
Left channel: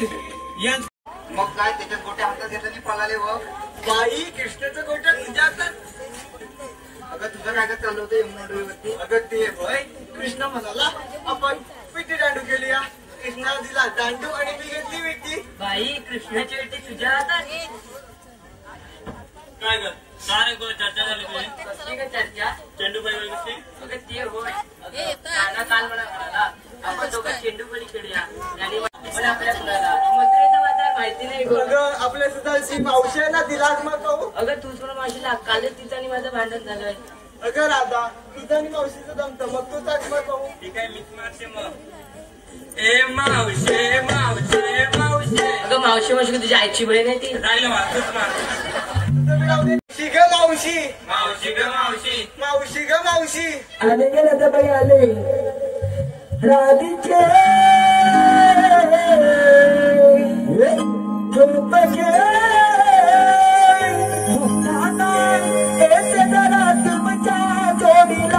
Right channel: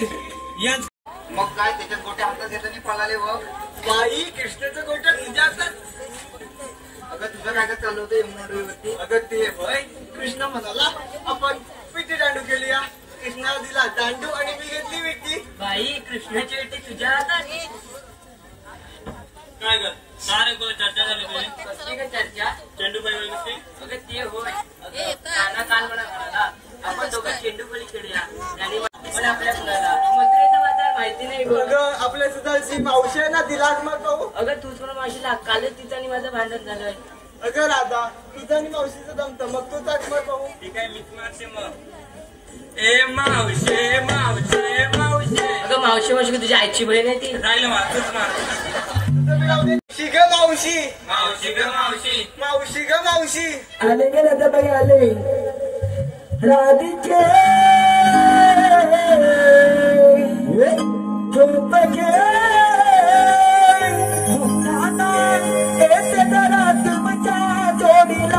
वीर याच मग काय त्याच्या गोट्या हातात येताना पळाले व बाई कृष्णाचं गोट्या तुझ्या हातात. अगं तुझं काय चालू होते अगं ते भाई कृष्ण म्हणाला आपण पिठी दांडू केली या. कृष्णा दिला दांडू आणि मी घेतली विटी. बाई कृष्णाची वेटी तुझ्या हातात. काय ग काय कोण चर्चा झाली तुझी? कसली का चर्चा? चेंडू बाई नसते. अगं ते होय. काना काल म्हणाला आपण दोघं चेंडू बळी खेळूया आणि पण आपल्या मथुरेचं मात्र माहिती नाही गोड. अगं आपल्या सुद्धा मावशांना दिला मग. अगं तूच पण मावशीला कालच तिचं आणि माझं भांडण झालं. अगं राधा तुझं आणि मावशीचं जमतं मग तू ताट मग ठीक आहे मी तुम्हाला ए मावशे मावशे मावशे. अगं मावशी मावशी तुझ्या आईची बहीण आहे ती. राहिलं मारतोच मारतो. मावशी ग मावशी मावशी ग मावशी मावशी ग मावशी. आले गेले तर बाई आले राधीचे झोप जरा तुमच्या जोडीला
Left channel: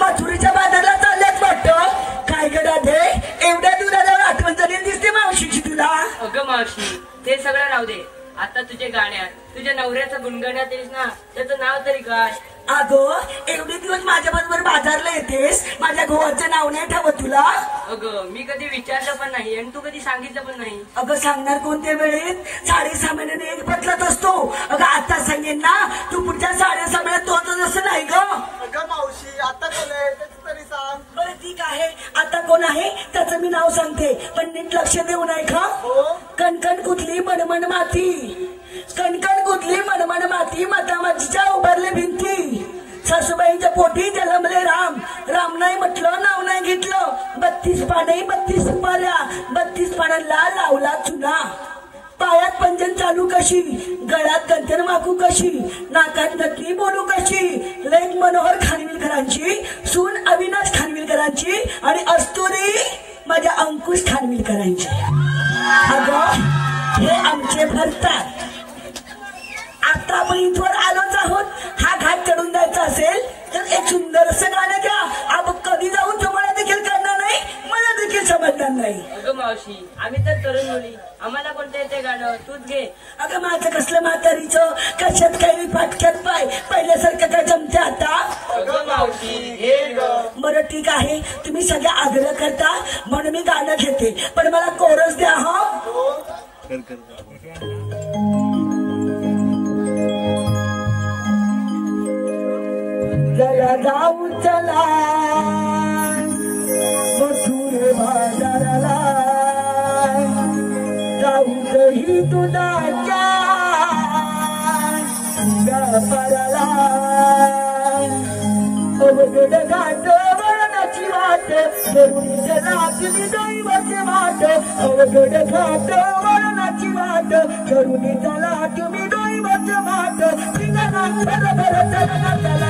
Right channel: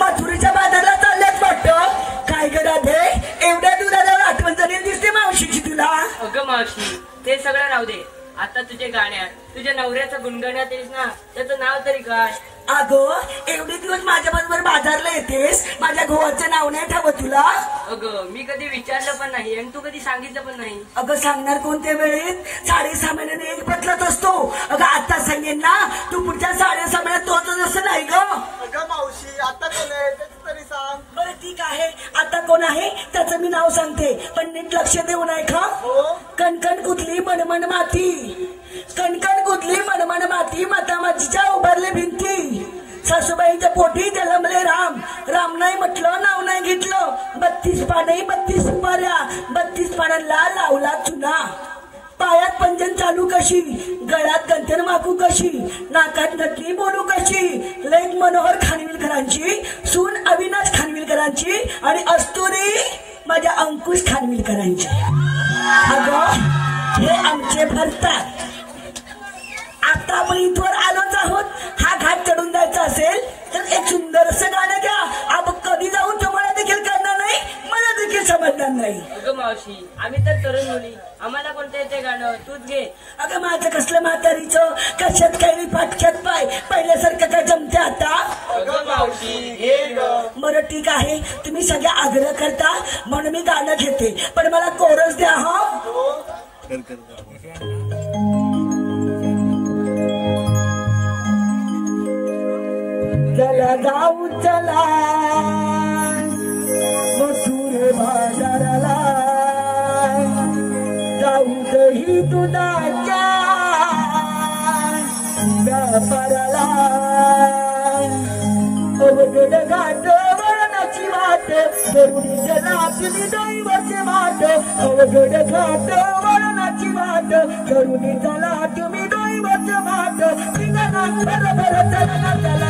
मथुरीच्या बाजारला चालल्यात वाटतं. काय करा दे एवढ्या दुरावर आठवण झाली दिसते मावशीची तुला. अगं मावशी ते सगळं राहू दे. आता तुझे गाण्यात तुझ्या नवऱ्याचं गुणगाण्यात येस ना त्याचं नाव तरी काय. अगं एवढे दिवस माझ्या बरोबर बाजारला येतेस, माझ्या गोवाचं नाव नाही ठावत तुला? अगं मी कधी विचारलं पण नाही आणि तू कधी सांगितलं पण नाही. अगं सांगणार कोणत्या वेळेत? 6.5 महिन्याने एक बदलत असतो. अगं आता सांगेन ना, तू पुढच्या 6.5 महिन्यात तोच असं नाही ग. अगं मावशी आता कोण आहे त्याचं तरी सांग. बरं ठीक आहे, आता कोण आहे त्याचं मी नाव सांगते, पण नीट लक्ष देऊ नाही का? कणकण कुठली मनमन माती, कणकण कुठली मनमन माती, मातामातीच्या उभारले भिंती, सासूबाईंच्या पोटी जन्मले राम, राम नाही म्हटलं नाव नाही घेतलं, 32 पाने 32 सुपाऱ्या, 32 पानांना लावला चुना, पायात पंजन चालू कशी, गळ्यात कंठन माकू कशी, नाकात नकली बोलू कशी, लेक मनोहर खानविलकरांची, सून अविनाश खानविलकरांची आणि अस्तुरी माझ्या अंकुश खानविलकरांची. अगं हे आमचे भरतात. आता आपण इथवर आलोच आहोत. हा घाट चढून जायचा असेल तर एक सुंदरसं गाणं द्या. आपण कधी जाऊन तुम्हाला देखील करणार नाही, मला देखील समजणार नाही. अगं मावशी आम्ही तर तरुण मुली, आम्हाला कोणतं येते गाणं, तूच घे. अगं माझं कसलं म्हातारीचं, कशात काही पाटक्यात पाय, पहिल्यासारखं काय जमते आता? अगं मावशी बरं ठीक आहे, तुम्ही सगळ्या आग्रह करता म्हणून मी गाणं घेते, पण मला कोरस द्या. हा चला जाऊ चला मथुर बाजाराला, जाऊ दही दुधाच्या व्यापाराला, अवघड घाट वळणाची वाट, करुणीच्या लाटणी दैवाचे वाट, अवघड घाट वळणाची वाट, करुणीच्या लाटणी दैवाचे वाट, निघाला बरोबर चला चला.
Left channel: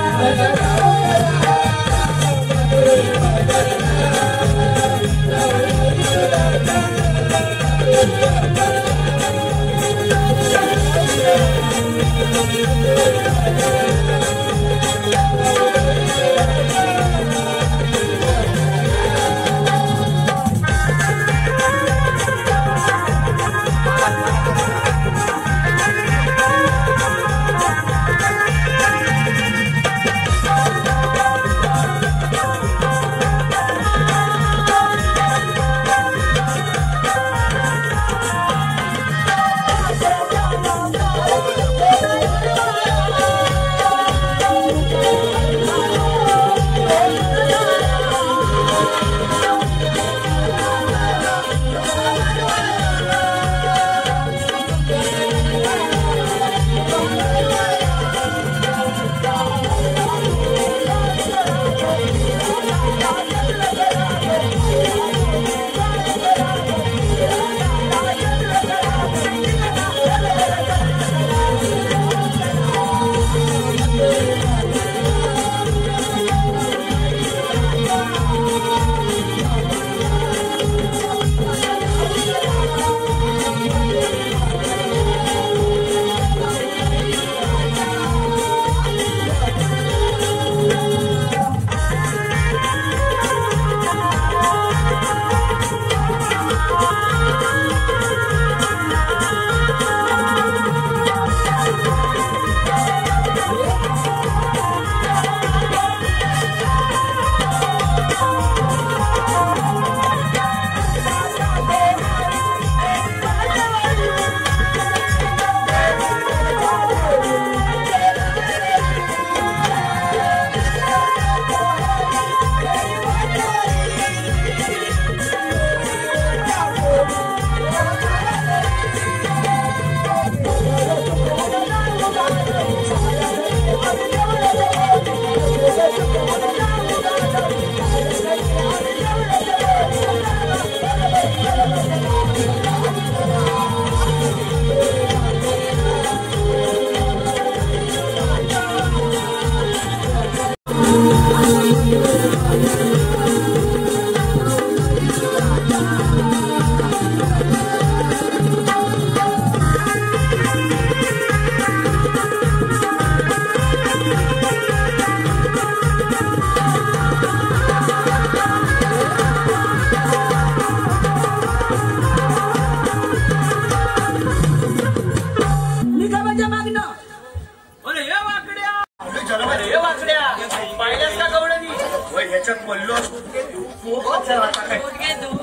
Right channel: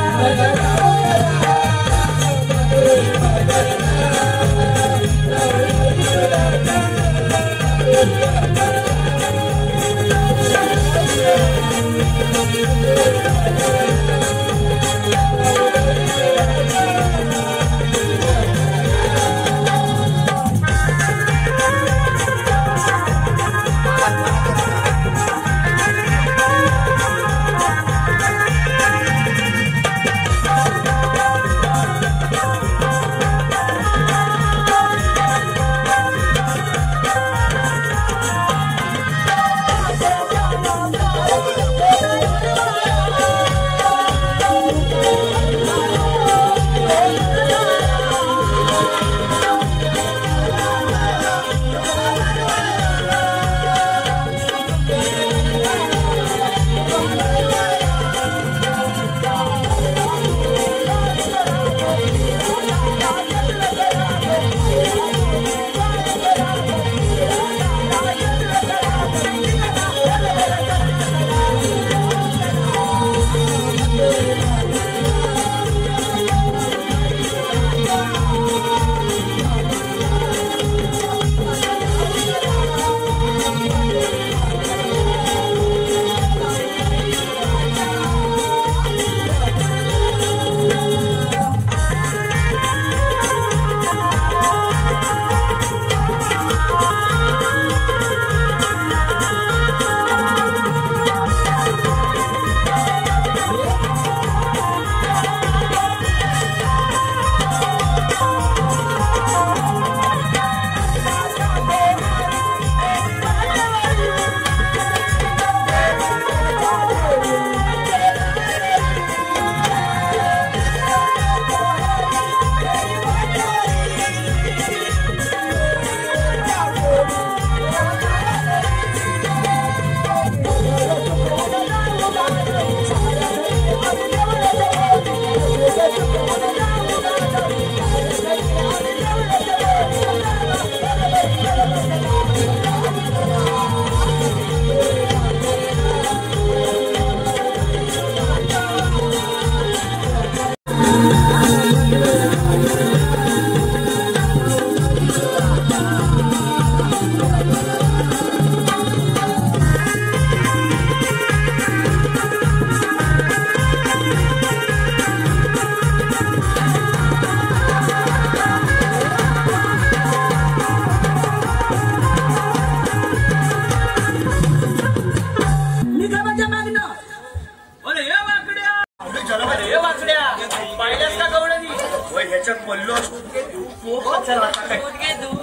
असेल वाटतं काय. दूध घे दूध.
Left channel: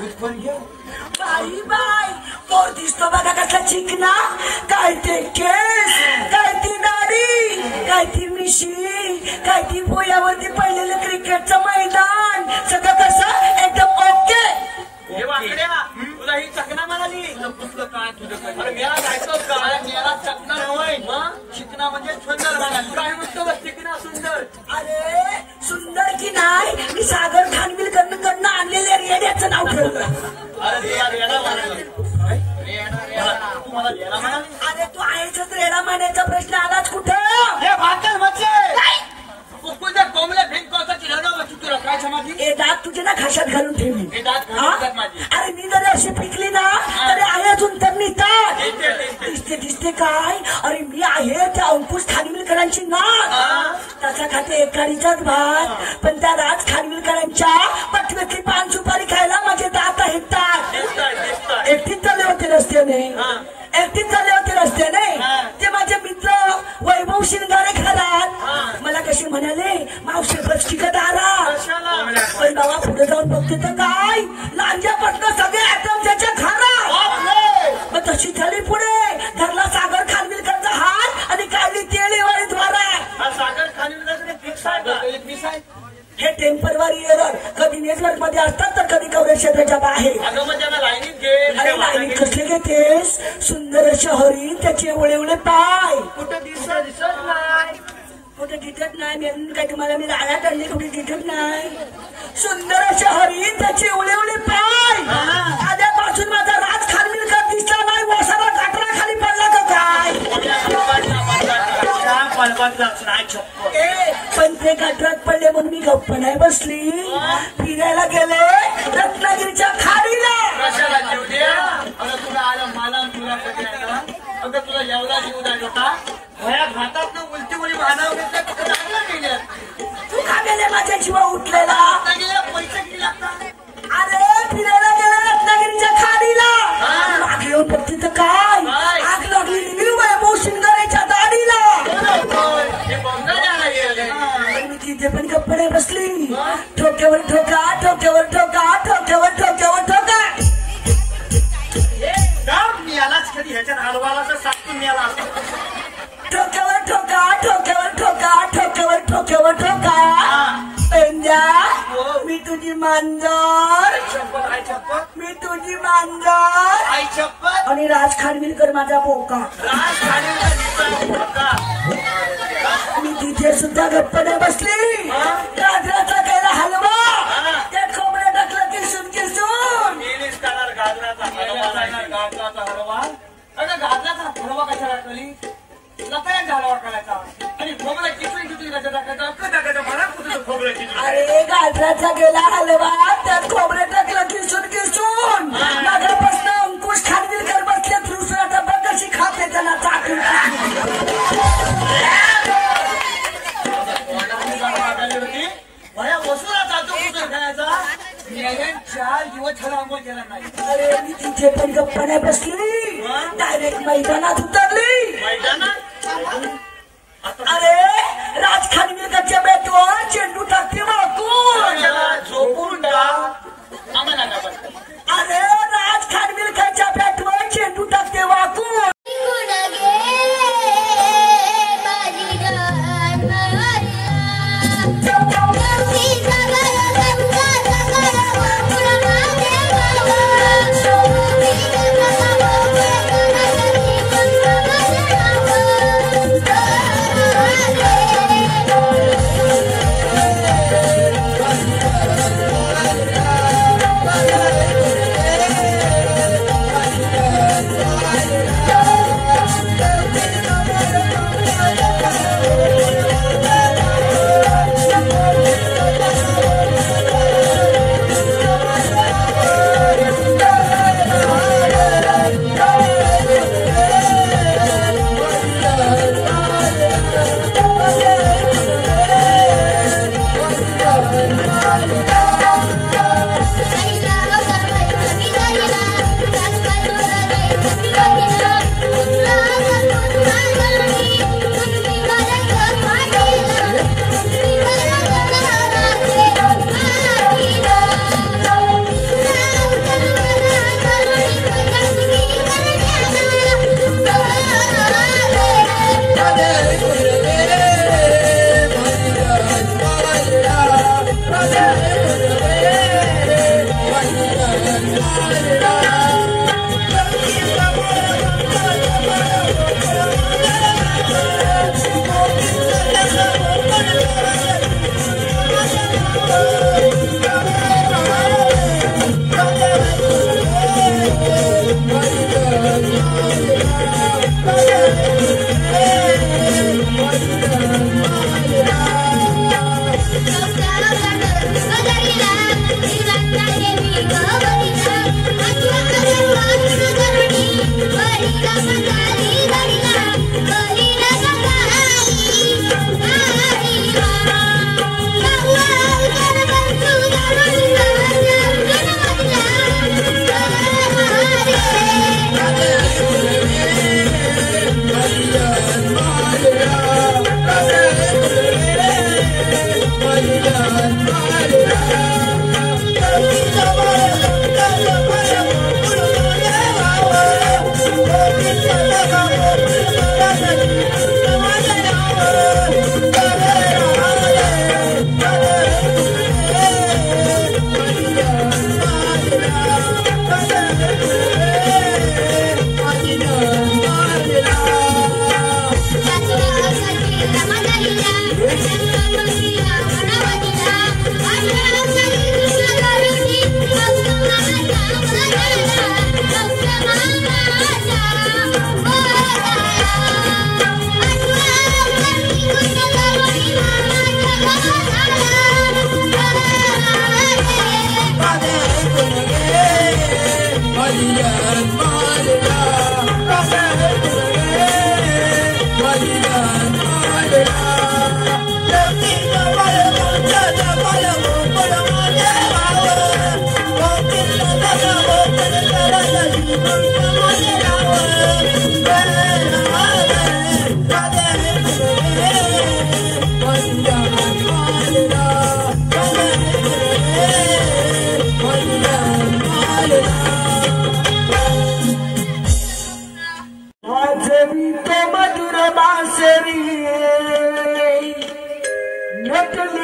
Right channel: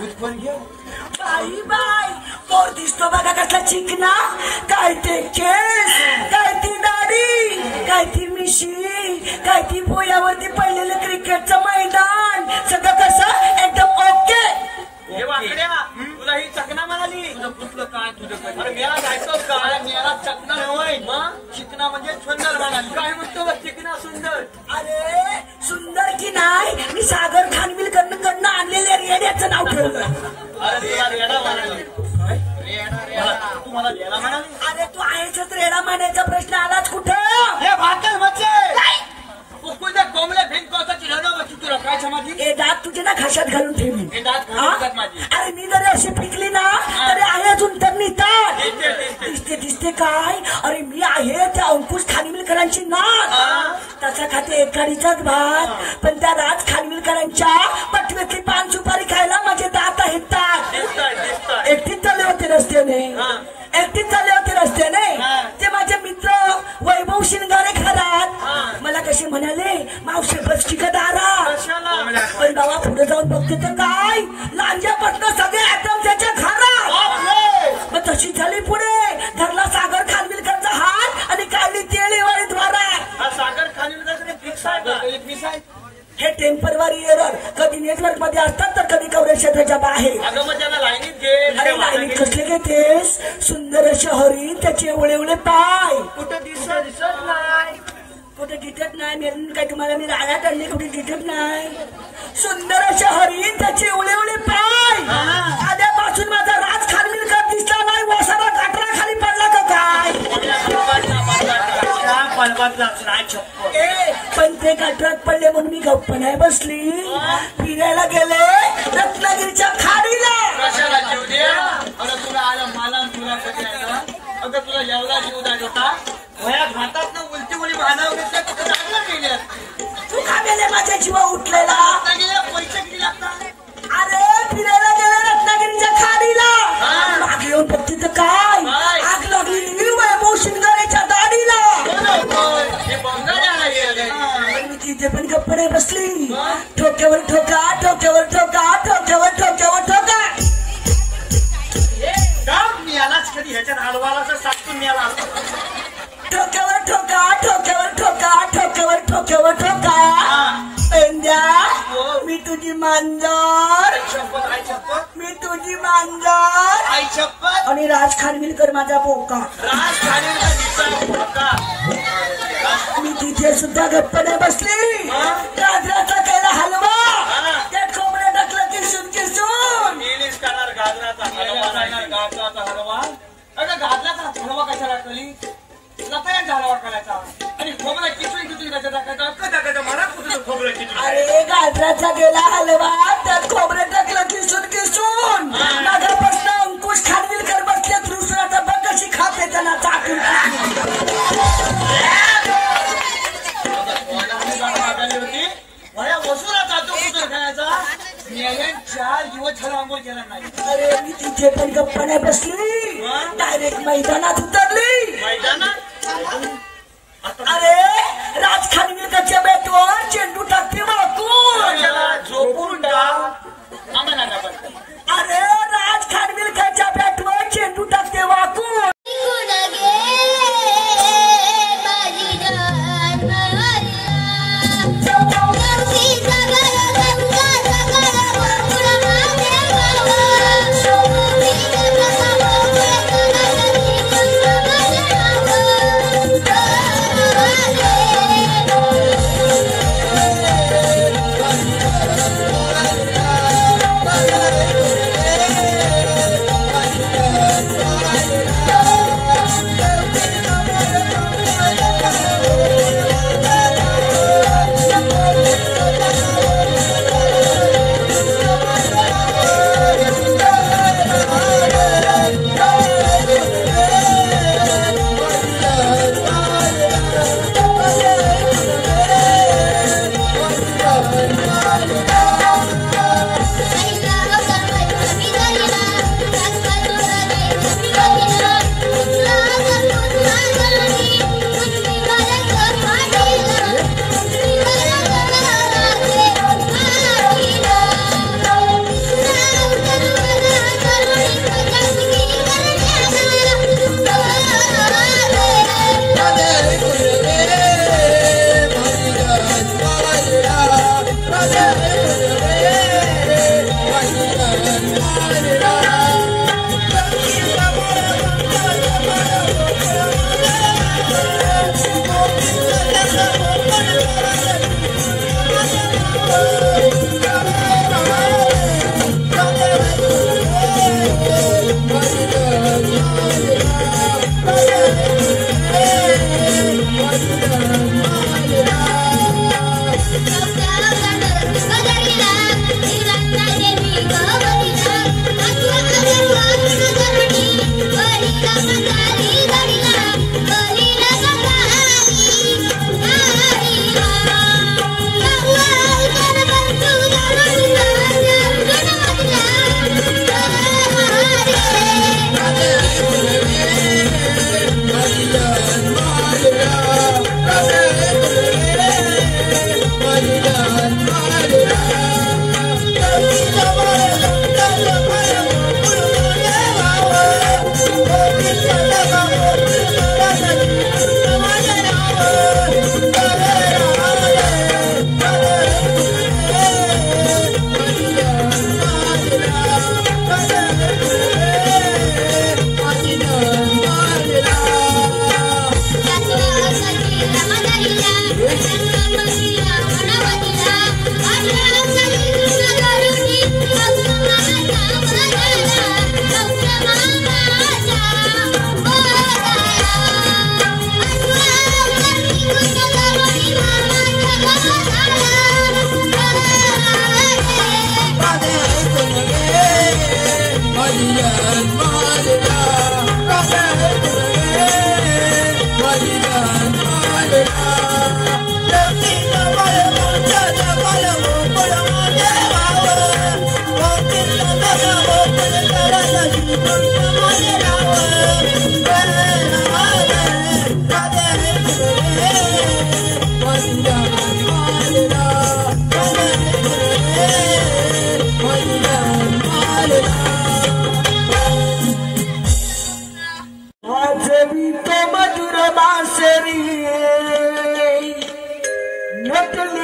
दूध कोण घे. बाई बाई मोर दिसतो बघा कसला चिकना. काय ते केस, काय ती दाढी, काय ती मिशी, काय ती भुयावरती पडलेलं क्रिकेटचं मैदान. सगळं कसं एकदम ओके. हे वाकड्या तुला ही चकना म्हणाली. कुठलं काय तुला अरे मेला जायचोच का. मेला चकना नव्हे. चिकना म्हणजे सुंदर म्हणाली. काय म्हणतो बघ चिकना सुंदर. अरे सुंदर की नाही, मी सागर खानविलकडनं आणलेल्या रेड्याचं नाव ठेवलं. अरे तुला रेडा म्हणाली. तू मला रेडा म्हणाली. अरे तू आहेच रेडा मानायचा प्रश्न आलाच कुठं. हे भाकर म्हणजे उसको त्या कोंबड्या भिंकवता की ठेवलं बघ तुला काय समाधी. हे दात तुझे ना खाशात घालून ठेवली. हे दात हा? घालून माझी. अरे मी जरी अशी पिकली ना तरी आहे अजून तर निघतात. दिसते, दिसते. दिसते दिसते काय. अरे मी आहे त्या अंकुश खानविलकरांची ना. तसा खाते एकाडीचाच भात, पण त्या राज खानविलकरांच्या पटव्यातली पान सुपारी खायला माझे दात हिटतात. एकटीच चालले होते रस्त्याने. एकटीच चालले होते रस्त्याने. ते माझे मित्र वैभव शिंगारे घरात मला कसे म्हणाले, मावशी बसची का दारात. अरे बाबा पुढे जाऊन बघते तर काय लांजा पटणं सगळे एकदम त्याच्या घरात. मग तशी झाली पुढे धरला सागर खानविलकरचा हात आणि काढली तेळेवाडी द्वारात. सागर खाली फिक्स आहे का. फिक्स आहे. हे टेम्परवारी एरर कधी नेटवर्क मध्ये असतात तर कधी कव्हरेज क्षेत्राच्या बाहेर. अगं मग त्याला लाईनीत घे. अरे लाईनीत कसले घेतेस. सुंदर असे हरिण, त्याचे एवढे एवढे पाय. कुठे दिसत नाही. कुठे दिसत नाही. म्हणून काय तुम्हाला मी राहण्यात आणले. कुठे दिसत नाही. सुंदर असे हरिण, त्याचे एवढे एवढे पाय. आल्यापासून माझा राज खानविलकर दिसला नाही. वसाला घाटला खाली पडला का काय. पण ते गटरात पडले म्हणून मी गप्प नाही बसली. फिरायला गेले रत्नागिरीच्या खाडीला. कशाला जीव दे. अगं तुला आलं मला तुला अगं तुला जेवला जीव द्यायचा का. भया खातात उलटी उडी भानावर गेल्या. तू का गेले माझ्या जीवा उठलेला. पैसे किती लागतात. अरे फिरायला गेले रत्नागिरीच्या खाडीला. मागे येऊन बघते तर काय आग लागली वैभव शिंगारेच्या दाढीला. मी तिथे पण गप्प नाही बसली. ठोक्यावर ठोका, ठोक्यावर ठोका, ठोक्यावर ठोक्यावर ठोका. यालाच कधी ह्याच्यात हलवाला तर सांगतो मी याला. ठोक्यावर ठोका, ठोक्यावर ठोका, ठोक्यावर ठोक्यावर ठोका. पेंड्या मी तुझी मांजर, आई शपथ. मी तुझी मांजर. आई शपथ. आणि राज खानविलकर माझा बोका. मी तिथे सुद्धा गप्प नाही बसली. गाजराचा केला हलवा, त्यात खोबरं टाकलं किरसून किरसून. गेलीस करणार गाजराचा हलवा नाही. गाजराचा हलवा. अगं गाजराचा हलवा कशाला केली. लपड्यांचा हलवा करायचा आणि खोबरं किचून किचून टाकायचं म्हणा कुठं खोबरं किचून. अरे गाजराचा गेला हलवा, त्यात खोबरं टाकलं किरसून किरसून. मागापासून अंकुश खानविलकर बसले दुसरा डबा कशी खाते त्याला चाकून. भया वसूला जातो कुठं खेळायचा. 4 दिवस छान आंघोळ केला नाही. अरे मी तिथे पण गप्पा नाही बसली. डायरेक्ट मैदानात उतरली. मैदानात अरे राज खानविलकरच्या बॅटवर चेंडू टाकते वाकून. झोपून आम्हाला. अरे राज खानविलकरच्या बॅटवर चेंडू टाकते वाकून. Thank you.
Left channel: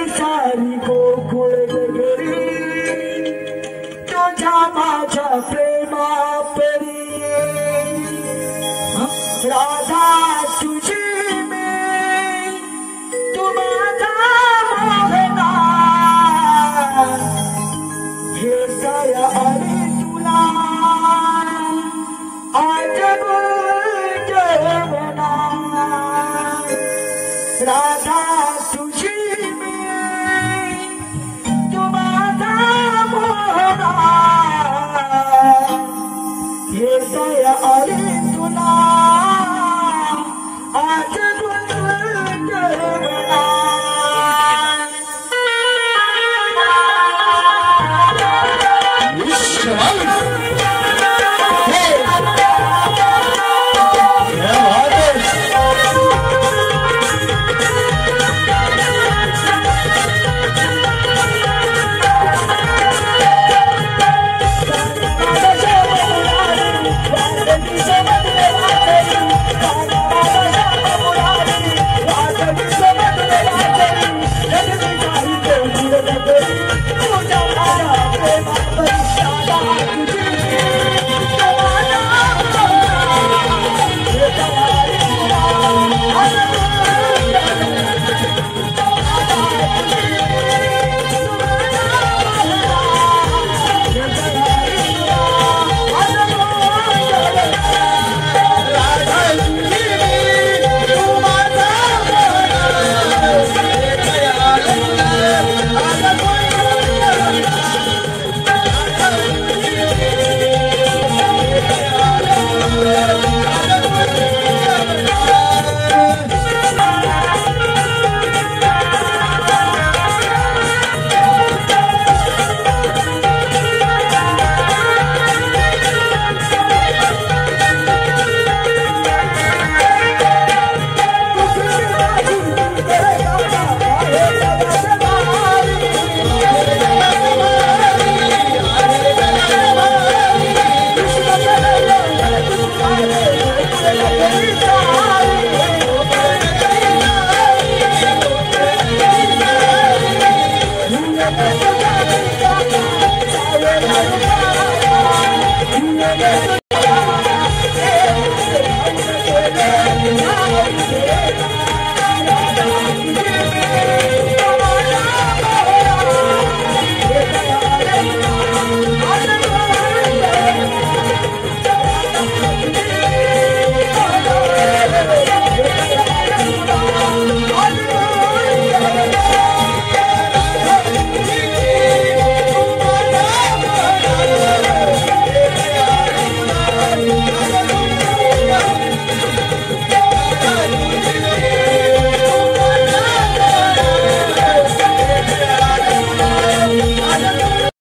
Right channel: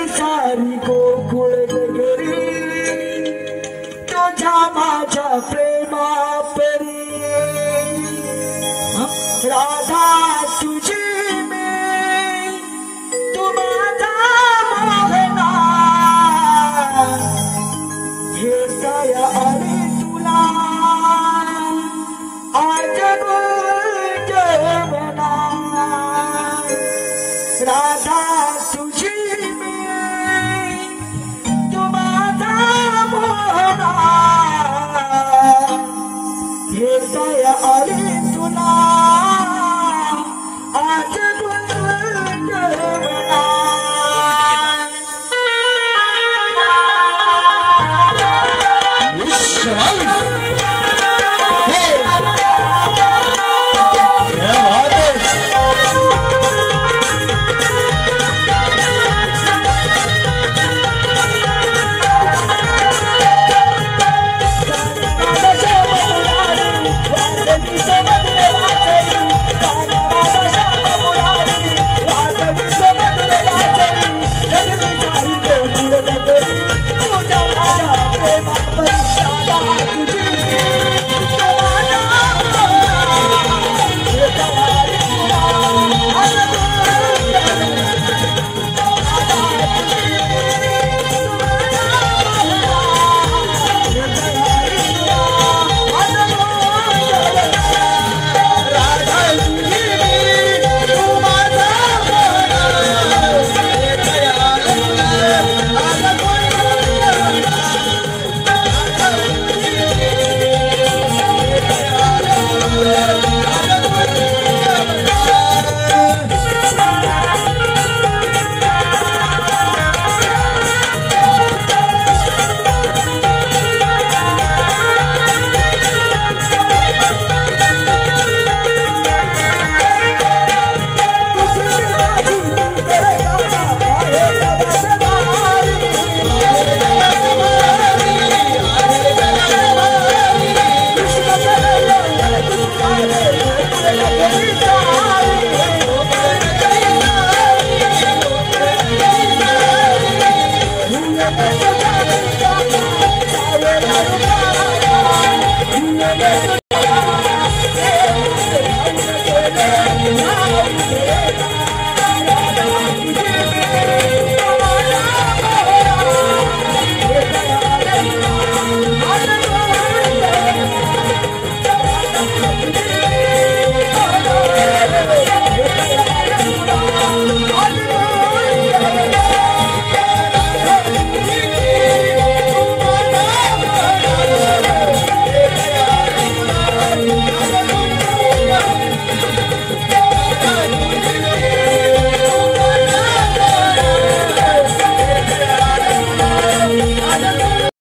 सारी गोकुळ नगरी तुझ्या माझ्या प्रेमा परी राधा तुझी मी तू माझा मोहना भेटाया आली तुला आज जेवणा राधा तुझी